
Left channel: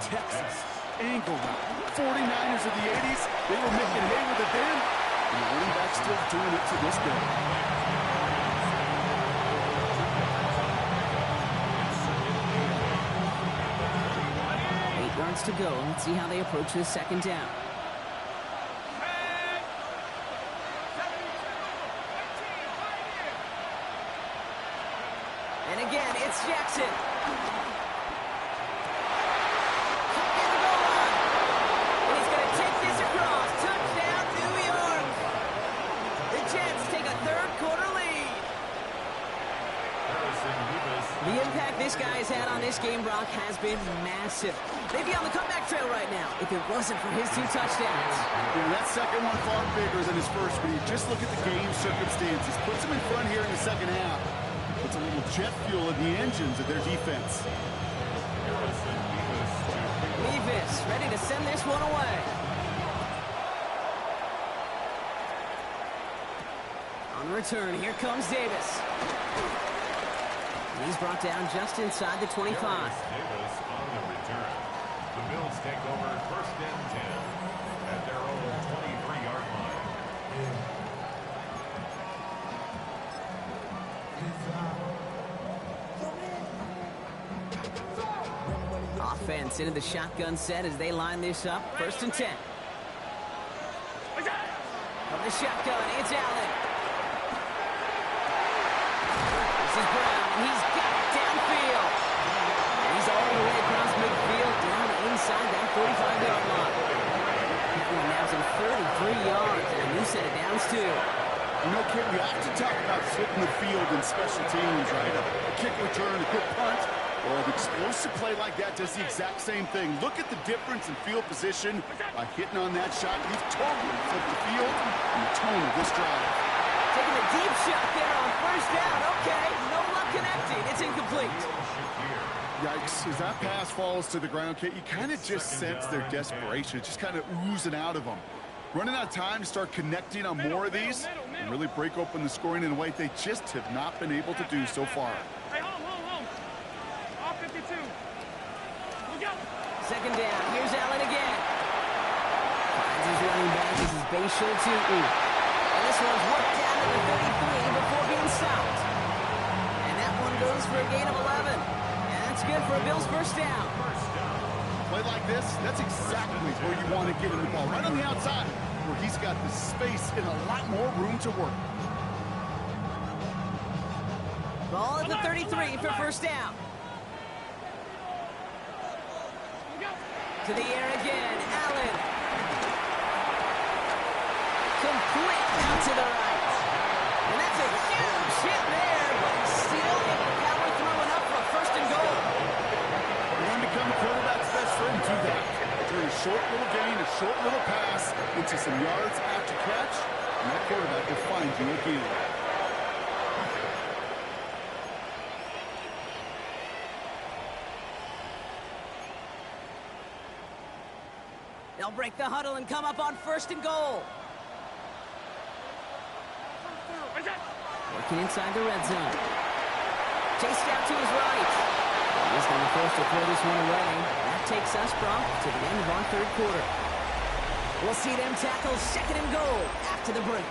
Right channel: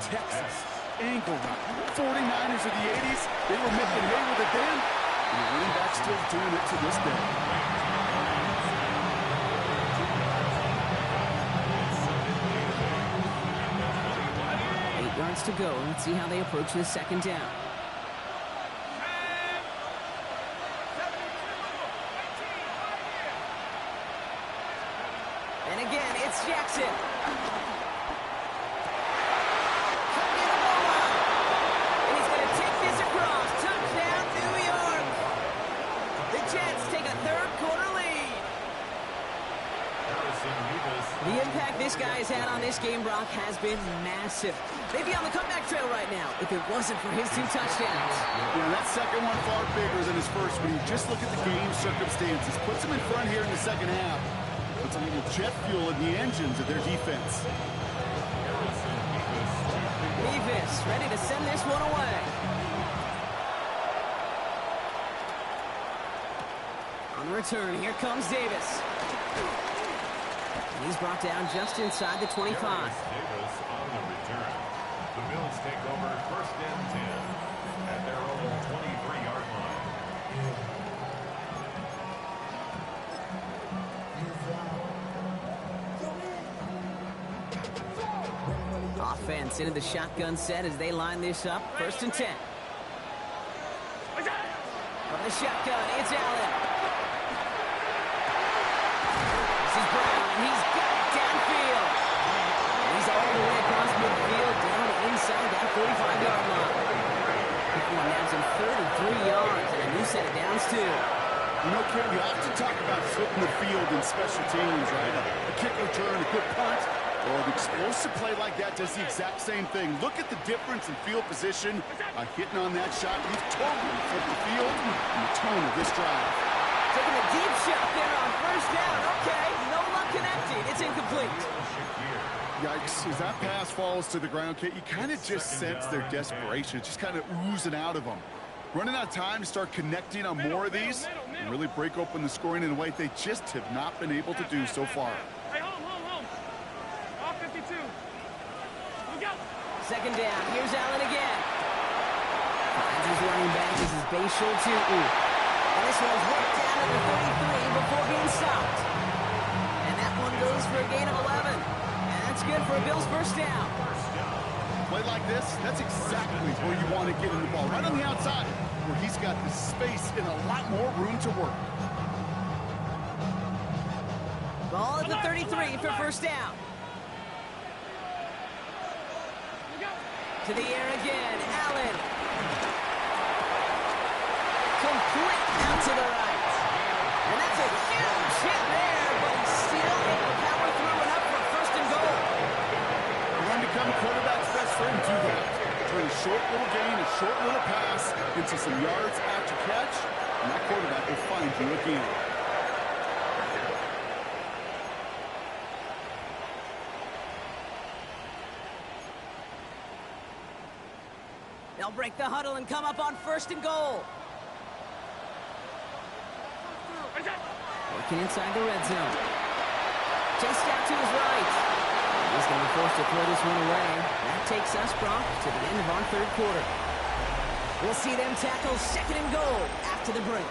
Texas, angle route. 49ers of the 80s, they were making hay with it then, and the running back's still doing it to this day. 8 yards to go. Let's see how they approach this second down. And again, it's Jackson. In the goal line. And he's going to take this across. Touchdown, New York. The Jets take a third-quarter lead. The impact this guy has had on this game, Brock, has been massive. They'd be on the comeback trail right now if it wasn't for his 2 touchdowns. Yeah, that second one far bigger than his first one. You just look at the game circumstances. Puts him in front here in the second half. Puts a little jet fuel in the engines of their defense. Mevis ready to send this one away. On the return, here comes Davis. And he's brought down just inside the 25. Davis on the return. The Bills take over first and 10 at their own 23-yard line. Offense into the shotgun set as they line this up. First and 10. From the shotgun, it's Allen. This is Brown, and he's got it downfield. And he's all the way across midfield, down inside that 45-yard line. That one nabs him 33 yards and a new set of downs, too. You know, Ken, we often talk about flipping the field in special teams, right? A kick return, a good punt. Well, an explosive play like that does the exact same thing. Look at the difference in field position by hitting on that shot. You've totally flipped the field and the tone of this drive. Taking a deep shot there on first down. Okay, no luck connecting. It's incomplete. Yikes. As that pass falls to the ground, Kate, you kind of just sense their desperation. It's just kind of oozing out of them. Running out of time to start connecting on more of these and really break open the scoring in a way they just have not been able to do so far. Hey, home. Off 52. Look out. Second down. Here's Allen again. Finds his running back. This is Bayshul to and this one's worked down to the 33 before being stopped. And that one goes for a gain of 11. And that's good for a Bills first down. Play like this, that's exactly where you want to get in the ball. Right on the outside, where he's got the space and a lot more room to work. Ball at the 33 for first down. To the air again, Allen. Complete out to the right. And that's a huge hit there, but he's still able to power through enough for a first and goal. You want to become a quarterback's best friend, do that. Turn a short little gain, a short little pass into some yards after catch, and that quarterback will find you again. They'll break the huddle and come up on first and goal. Working inside the red zone. Chased out to his right. And he's going to be forced to throw this one away. That takes us, Brock, to the end of our third quarter. We'll see them tackle second and goal after the break.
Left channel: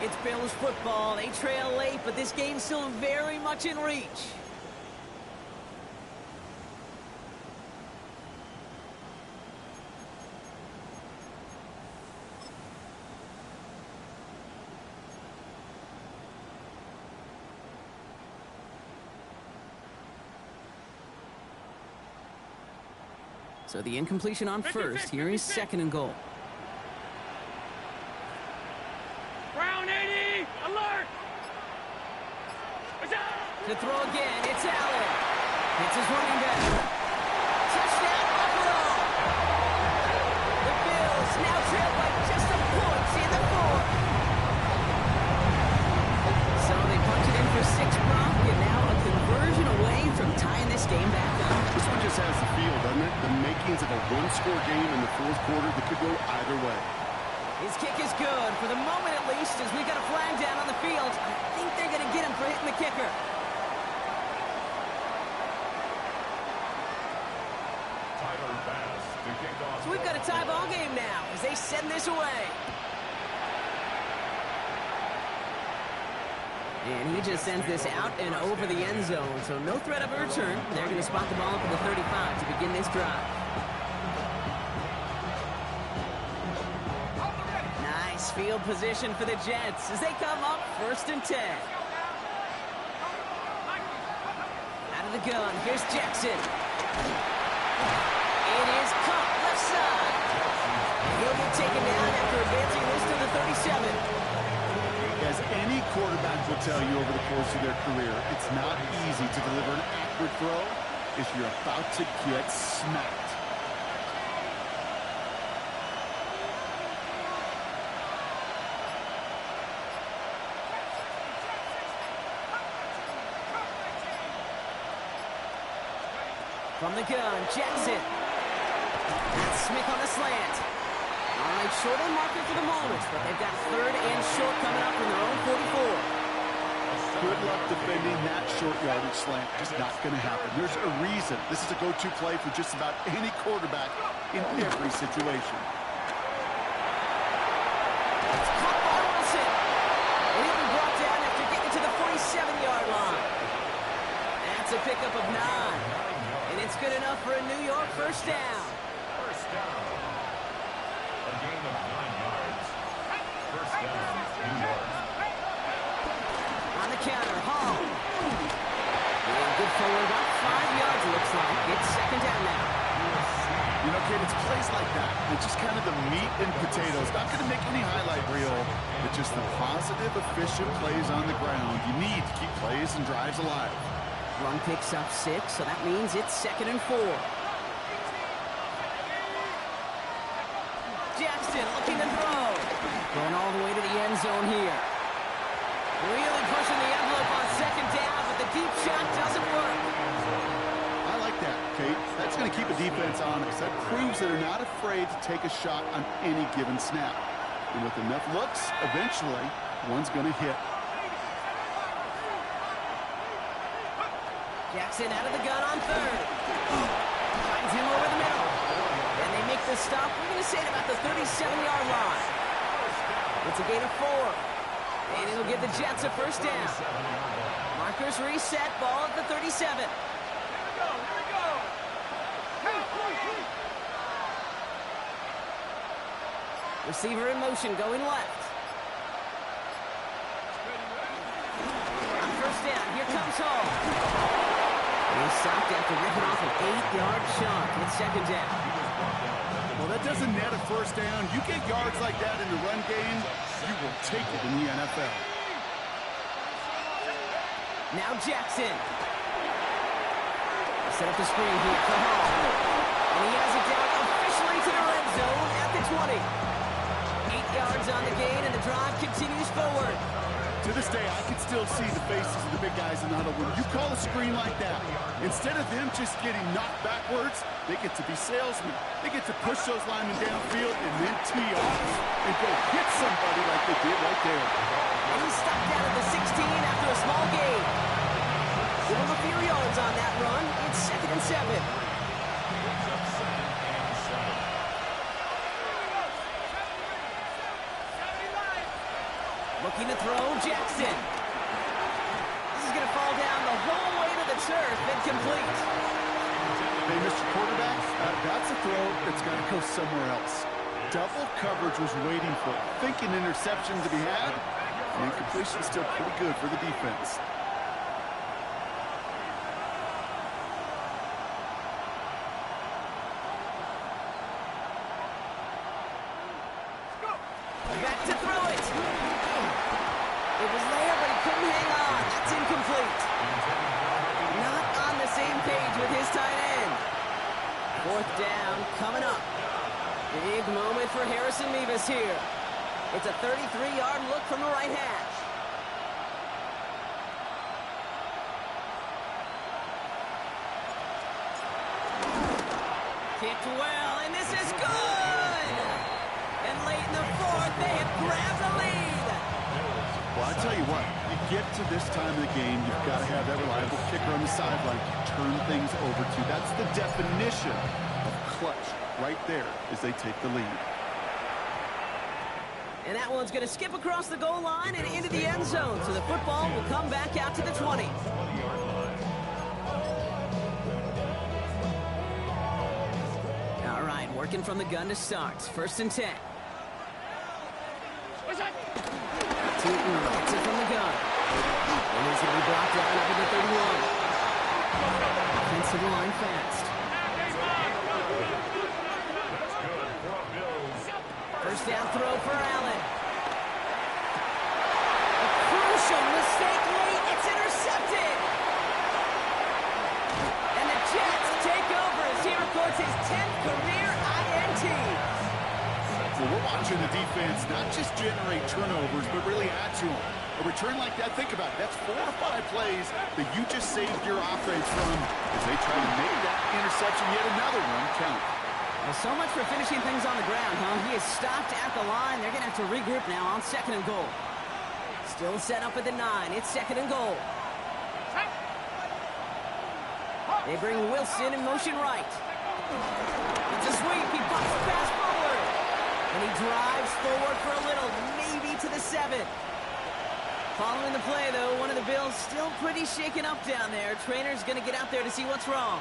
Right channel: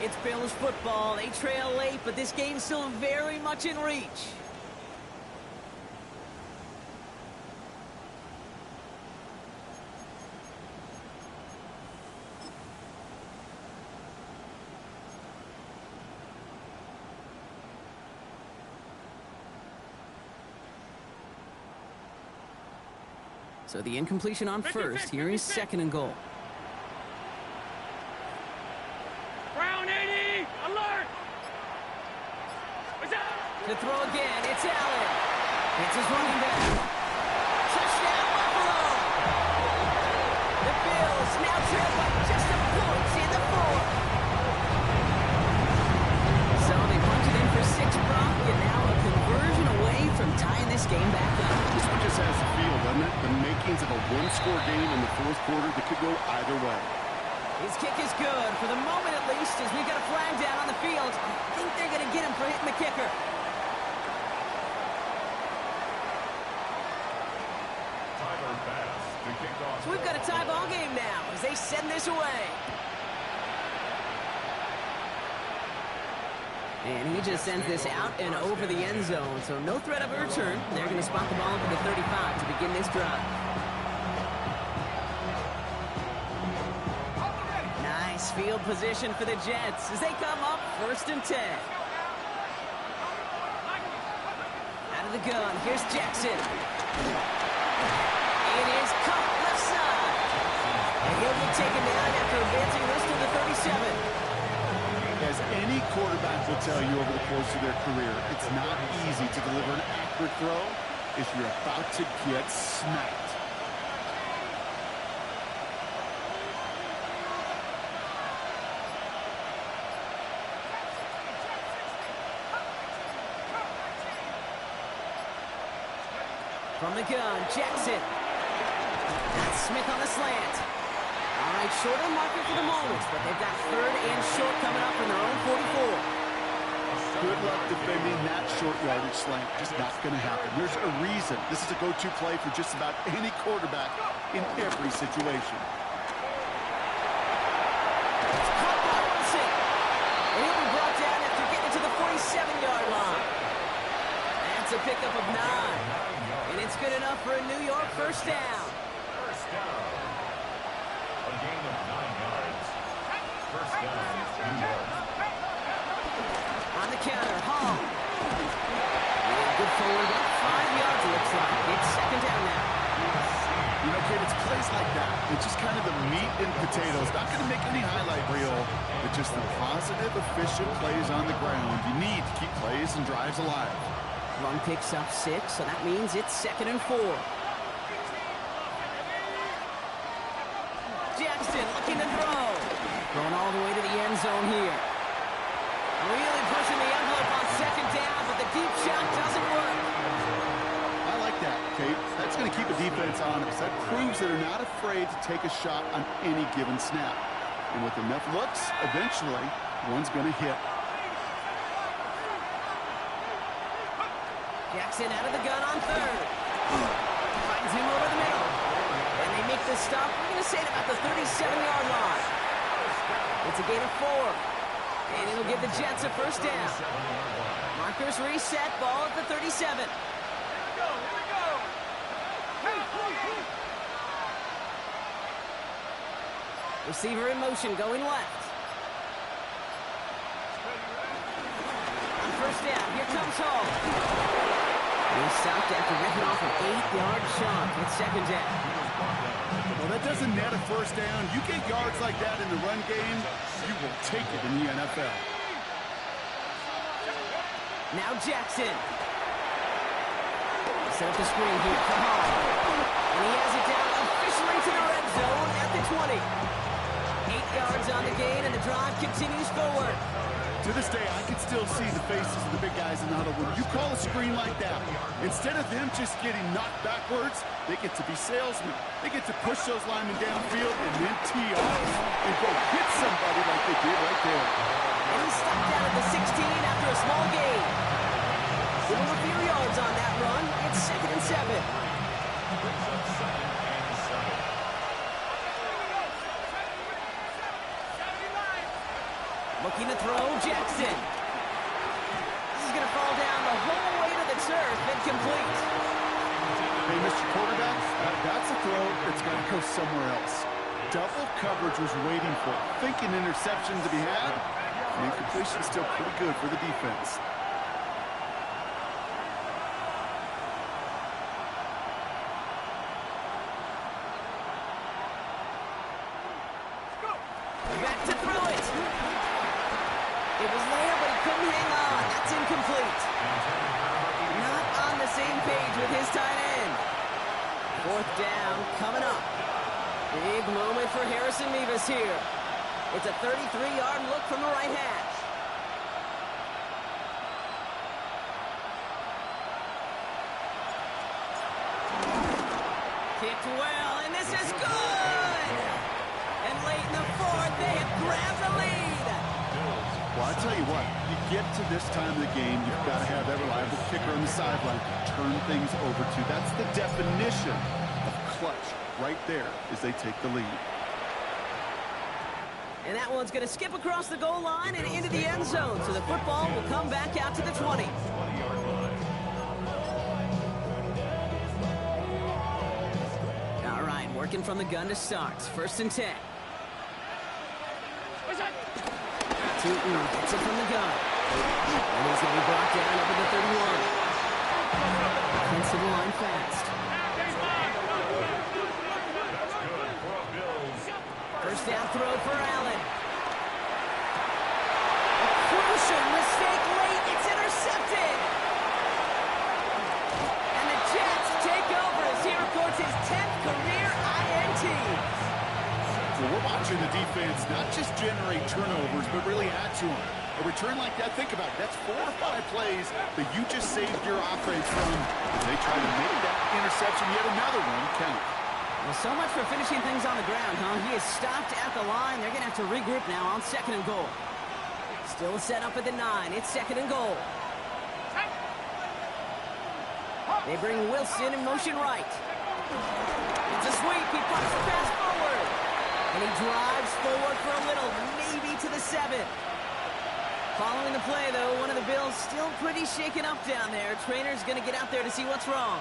It's Bills football. They trail late, but this game's still very much in reach. So the incompletion on first. Here is second and goal. Brown 80, alert! To throw again, it's Allen. It's his running back. Touchdown, Buffalo! The Bills now trail by just a point in the fourth. So they punch it in for 6, Brock, and now a conversion away from tying this game back up. This one just has the feel, doesn't it? The makings of a one-score game in the fourth quarter that could go either way. His kick is good, for the moment at least, as we've got a flag down on the field. I think they're going to get him for hitting the kicker. So we've got a tie ball game now as they send this away. And he just sends this out and over the end zone, so no threat of a return. They're going to spot the ball up at the 35 to begin this drive. Nice field position for the Jets as they come up first and 10. Out of the gun, here's Jackson. It is caught left side. And he'll get taken down after advancing this to the 37. As any quarterback will tell you over the course of their career, it's not easy to deliver an accurate throw if you're about to get smacked. From the gun, Jackson. That's Smith on the slant. All right, short of the marker for the moment, but they've got third and short coming up from their own 44. Good luck defending that short yardage slant. Just not going to happen. There's a reason this is a go-to play for just about any quarterback in every situation. It's caught by Wilson. And he'll be brought down after getting to the 47-yard line. That's a pickup of 9. And it's good enough for a New York first down. First down. A gain of 9 yards. First down, New York. On the counter, Hall. And good forward, about 5 yards, it looks like. It's second down now. You know, kid, it's plays like that. It's just kind of the meat and potatoes. Not going to make any highlight reel, but just the positive, efficient plays on the ground. You need to keep plays and drives alive. Run picks up 6, so that means it's second and 4. Jackson looking to throw. Going all the way to the end zone here. Really pushing the envelope on second down, but the deep shot doesn't work. I like that, Kate. That's going to keep a defense honest. That proves that they're not afraid to take a shot on any given snap. And with enough looks, eventually, one's going to hit. Jackson out of the gun on third. Finds him over the middle. And they make the stop, we're going to say, at about the 37-yard line. It's a gain of 4. And it'll give the Jets a first down. Markers reset, ball at the 37. Here we go, here we go. Receiver in motion, going left. On first down, here comes Hall. And he stopped after ripping off an 8-yard chunk. It's second down. Well, that doesn't net a first down. You get yards like that in the run game, you will take it in the NFL. Now Jackson. Set up the screen here for Hall. And he has it down officially to the red zone at the 20. 8 yards on the gain, and the drive continues forward. To this day, I can still see the faces of the big guys in the huddle. When you call a screen like that, instead of them just getting knocked backwards, they get to be salesmen. They get to push those linemen downfield and then tee off and go hit somebody like they did right there. And he's stopped down at the 16 after a small gain. Give him a few yards on that run. It's 2nd and 7. Brings up 2nd and 7. Looking to throw, Jackson. This is going to fall down the whole way to the turf and complete. Hey, Mr. Quarterback, that's a throw that's got to go somewhere else. Double coverage was waiting for it. Thinking interception to be had, and incompletion still pretty good for the defense. Back to throw it. It was there, but he couldn't hang on. That's incomplete. Not on the same page with his tight end. 4th down coming up. Big moment for Harrison Mevis here. It's a 33-yard look from the right hash. Kicked well, and this is good! And late in the 4th, they have grabbed the lead. Well, I tell you what, you get to this time of the game, you've got to have that reliable kicker on the sideline to turn things over to. That's the definition of clutch right there as they take the lead. And that one's going to skip across the goal line and into the end zone. So the football will come back out to the 20. 20-yard line. All right, working from the gun to start. 1st and 10. Tootin gets it from the gun. And he's going to be brought down up at the 31. Offensive line fast. That's good for a Bills. 1st down throw for Allen. A crucial mistake late. It's intercepted. And the Jets take over as he records his 10th career INT. Well, we're watching the defense not just generate turnovers, but really add to them. A return like that, think about it. That's 4 or 5 plays that you just saved your offense from as they try to make that interception, yet another one, count. Well, so much for finishing things on the ground, huh? He is stopped at the line. They're going to have to regroup now on 2nd and goal. Still set up at the 9. It's 2nd and goal. They bring Wilson in motion right. It's a sweep. He pops the pass forward. And he drives forward for a little, maybe to the 7. Following the play, though, one of the Bills still pretty shaken up down there. Trainer's going to get out there to see what's wrong.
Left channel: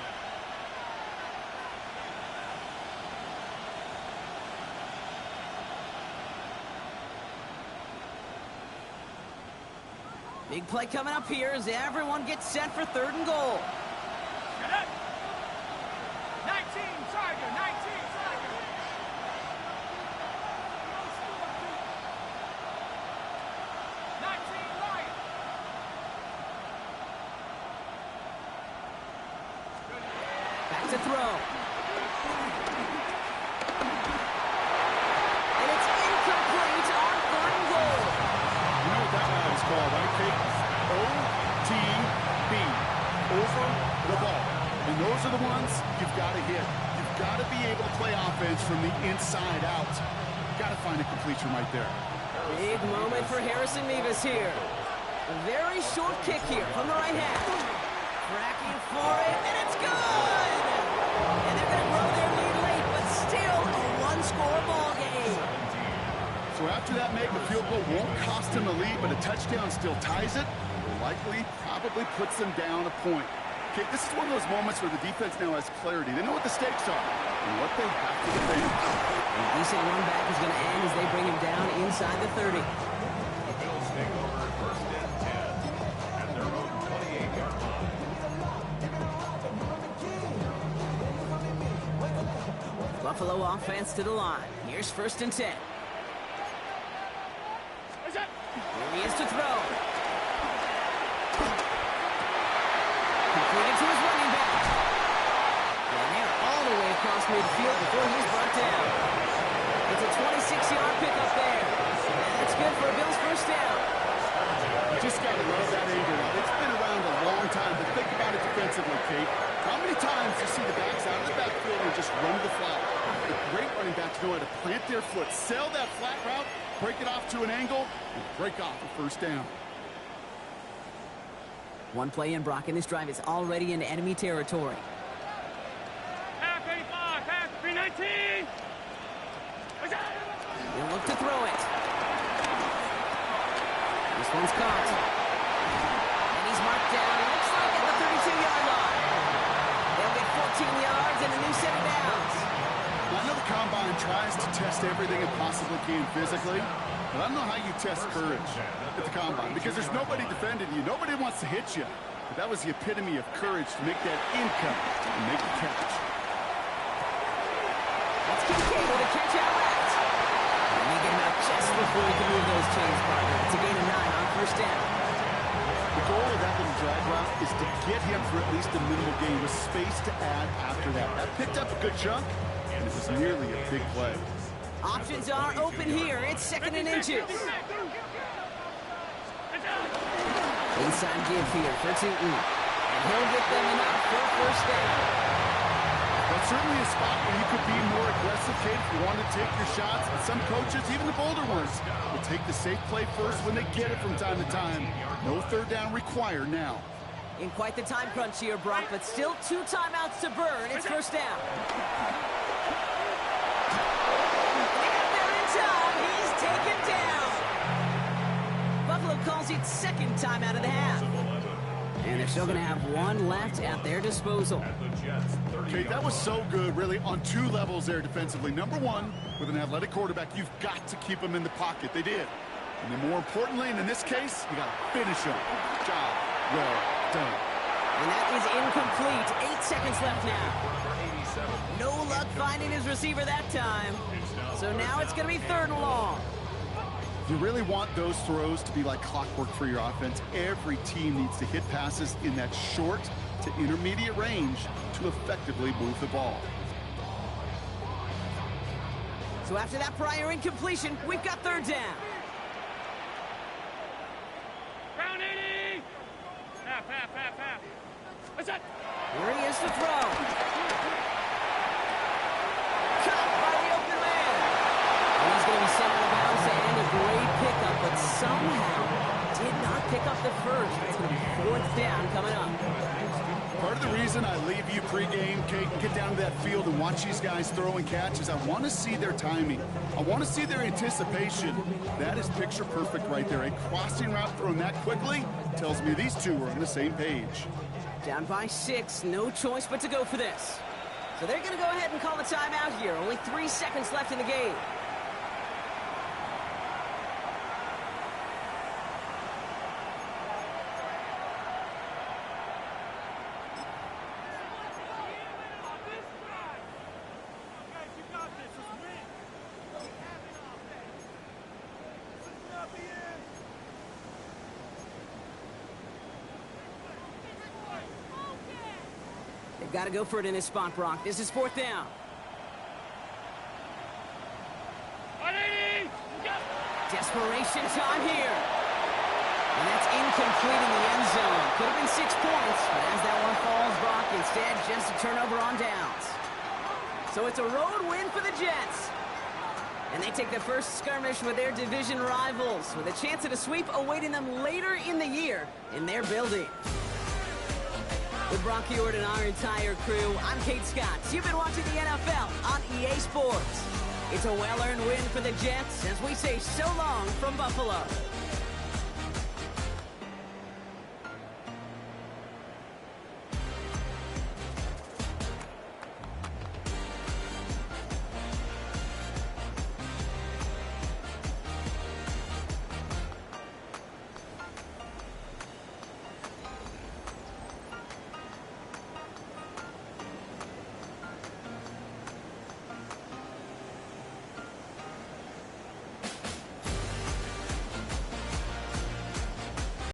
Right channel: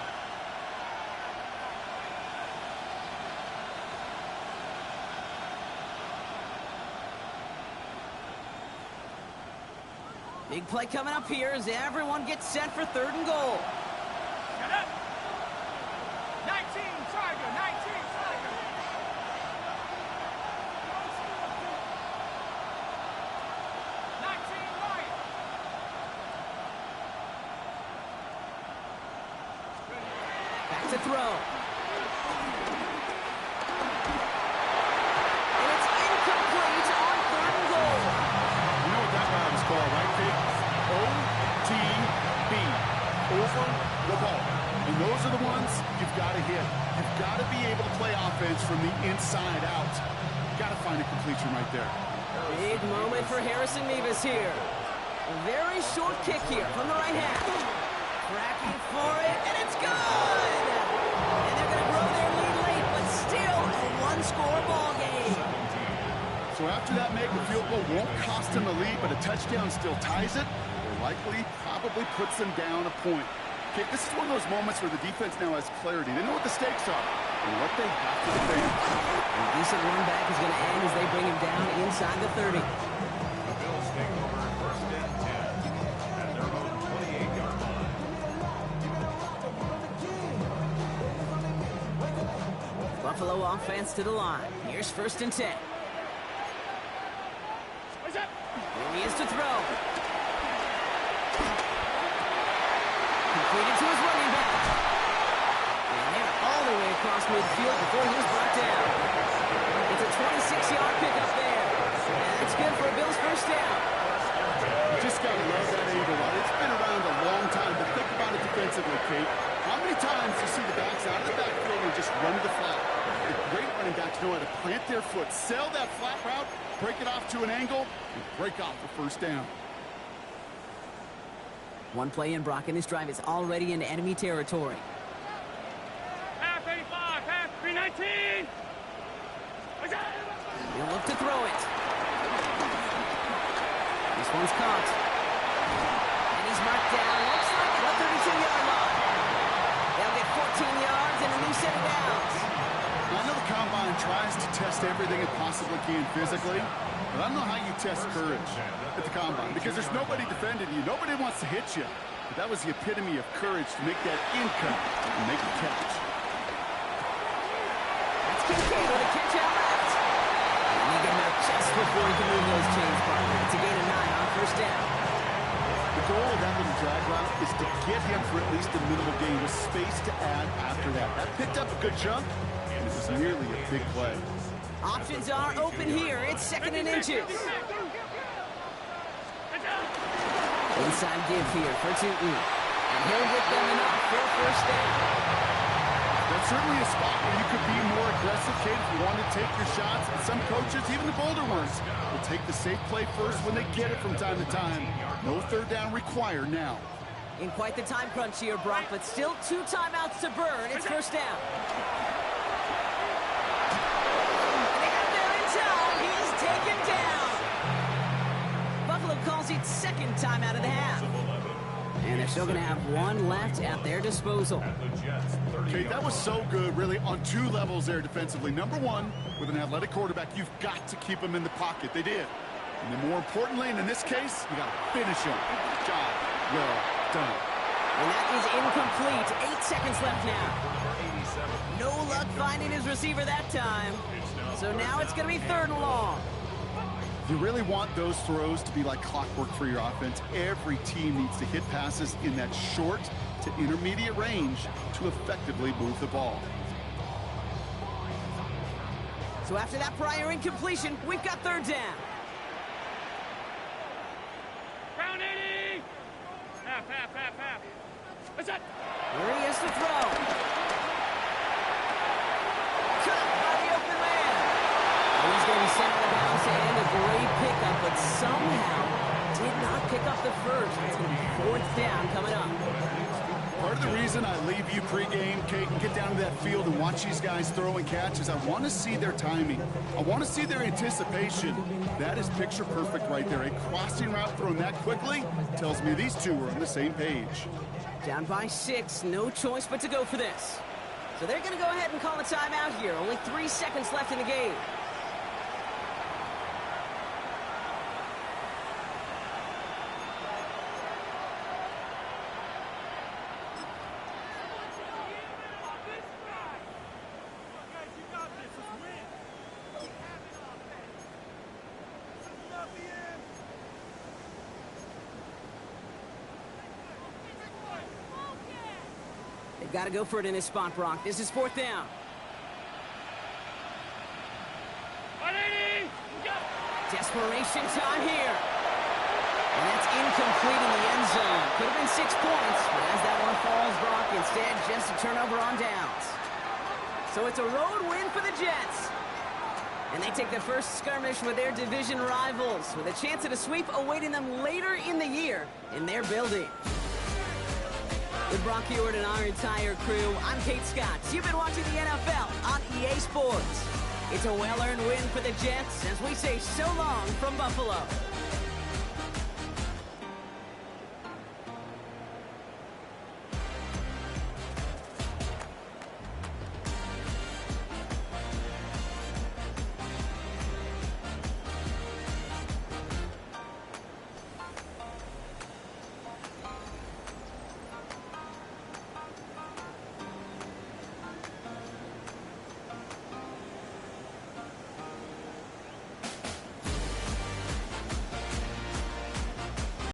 Big play coming up here as everyone gets set for 3rd and goal. 19, Tiger, 19, Tiger. 19, Lion. Back to throw. And it's incomplete on 3rd and goal. You know what that route is called, right, Kate? OTB, over the ball. And those are the ones you've got to hit. You've got to be able to play offense from the inside out. Got to find a completion right there. Big moment for Harrison Mevis here. A very short kick here from the right half. Cracking for it, and it's good! And they're going to grow their lead late, but still a one-score ball game. So after that make, a field goal won't cost them the lead, but a touchdown still ties it, or likely probably puts them down a point. Okay, this is one of those moments where the defense now has clarity. They know what the stakes are and what they have to defend. A decent run back is going to end as they bring him down inside the 30. The Bills take over 1st and 10 at their own 28-yard line. Buffalo offense to the line. Here's 1st and 10. Here he is to throw. Completed to his running back. And they're all the way across midfield before he's brought down. It's a 26-yard pickup there. And that's good for a Bills first down. You just got to love that angle route. It's been around a long time, but think about it defensively, Kate. How many times do you see the backs out of the backfield and just run to the flat? The great running backs know how to plant their foot, sell that flat route, break it off to an angle, and break off a first down. One play in, Brock, and this drive is already into enemy territory. Half 85, half 319. He'll look to throw it. This one's caught. And he's marked down, looks like at the 32-yard line. They'll get 14 yards and a new set of downs. I know the Combine tries to test everything it possibly can physically, but I don't know how you test courage at the Combine because there's nobody defending you. Nobody wants to hit you. But that was the epitome of courage to make that in cut and make the catch. That's Kincaid with a catch out left. And they get him out just before he can move those chains, partner. It's a gain of 9 on first down. The goal of that little drag route is to get him for at least a minimal gain with space to add after that. That picked up a good chunk, and it was nearly a big play. Options are open here. It's second and inches. Inside give here for Tuton. And he'll get them enough for a first down. That's certainly a spot where you could be more aggressive, Kate, if you want to take your shots. And some coaches, even the bolder ones, will take the safe play first when they get it from time to time. No third down required now. In quite the time crunch here, Brock, but still 2 timeouts to burn. It's first down. They got there in time. He's taken down. Buffalo calls it second timeout of the half. And they're still going to have one left at their disposal. Okay, that was so good, really, on 2 levels there defensively. Number one, with an athletic quarterback, you've got to keep him in the pocket. They did. And then more importantly, and in this case, you got to finish him. Job well done. And that is incomplete. 8 seconds left now. No luck finding his receiver that time. So now it's going to be 3rd and long. You really want those throws to be like clockwork for your offense. Every team needs to hit passes in that short to intermediate range to effectively move the ball. So after that prior incompletion, we've got 3rd down. Round 80. Half. What's that? Here he is to throw. Cut by the open man. And he's going to be sent out of bounds and a great pickup, but somehow did not pick up the first. It's going to be 4th down coming up. Part of the reason I leave you pregame, Kate, and get down to that field and watch these guys throw and catch is I want to see their timing. I want to see their anticipation. That is picture perfect right there. A crossing route thrown that quickly tells me these two are on the same page. Down by 6, no choice but to go for this. So they're going to go ahead and call a timeout here. Only 3 seconds left in the game. Got to go for it in this spot, Brock. This is 4th down. 180. Desperation time here. And that's incomplete in the end zone. Could have been 6 points, but as that one falls, Brock, instead just a turnover on downs. So it's a road win for the Jets. And they take the first skirmish with their division rivals, with a chance at a sweep awaiting them later in the year in their building. With Brock Hewitt and our entire crew, I'm Kate Scott. You've been watching the NFL on EA Sports. It's a well-earned win for the Jets as we say so long from Buffalo.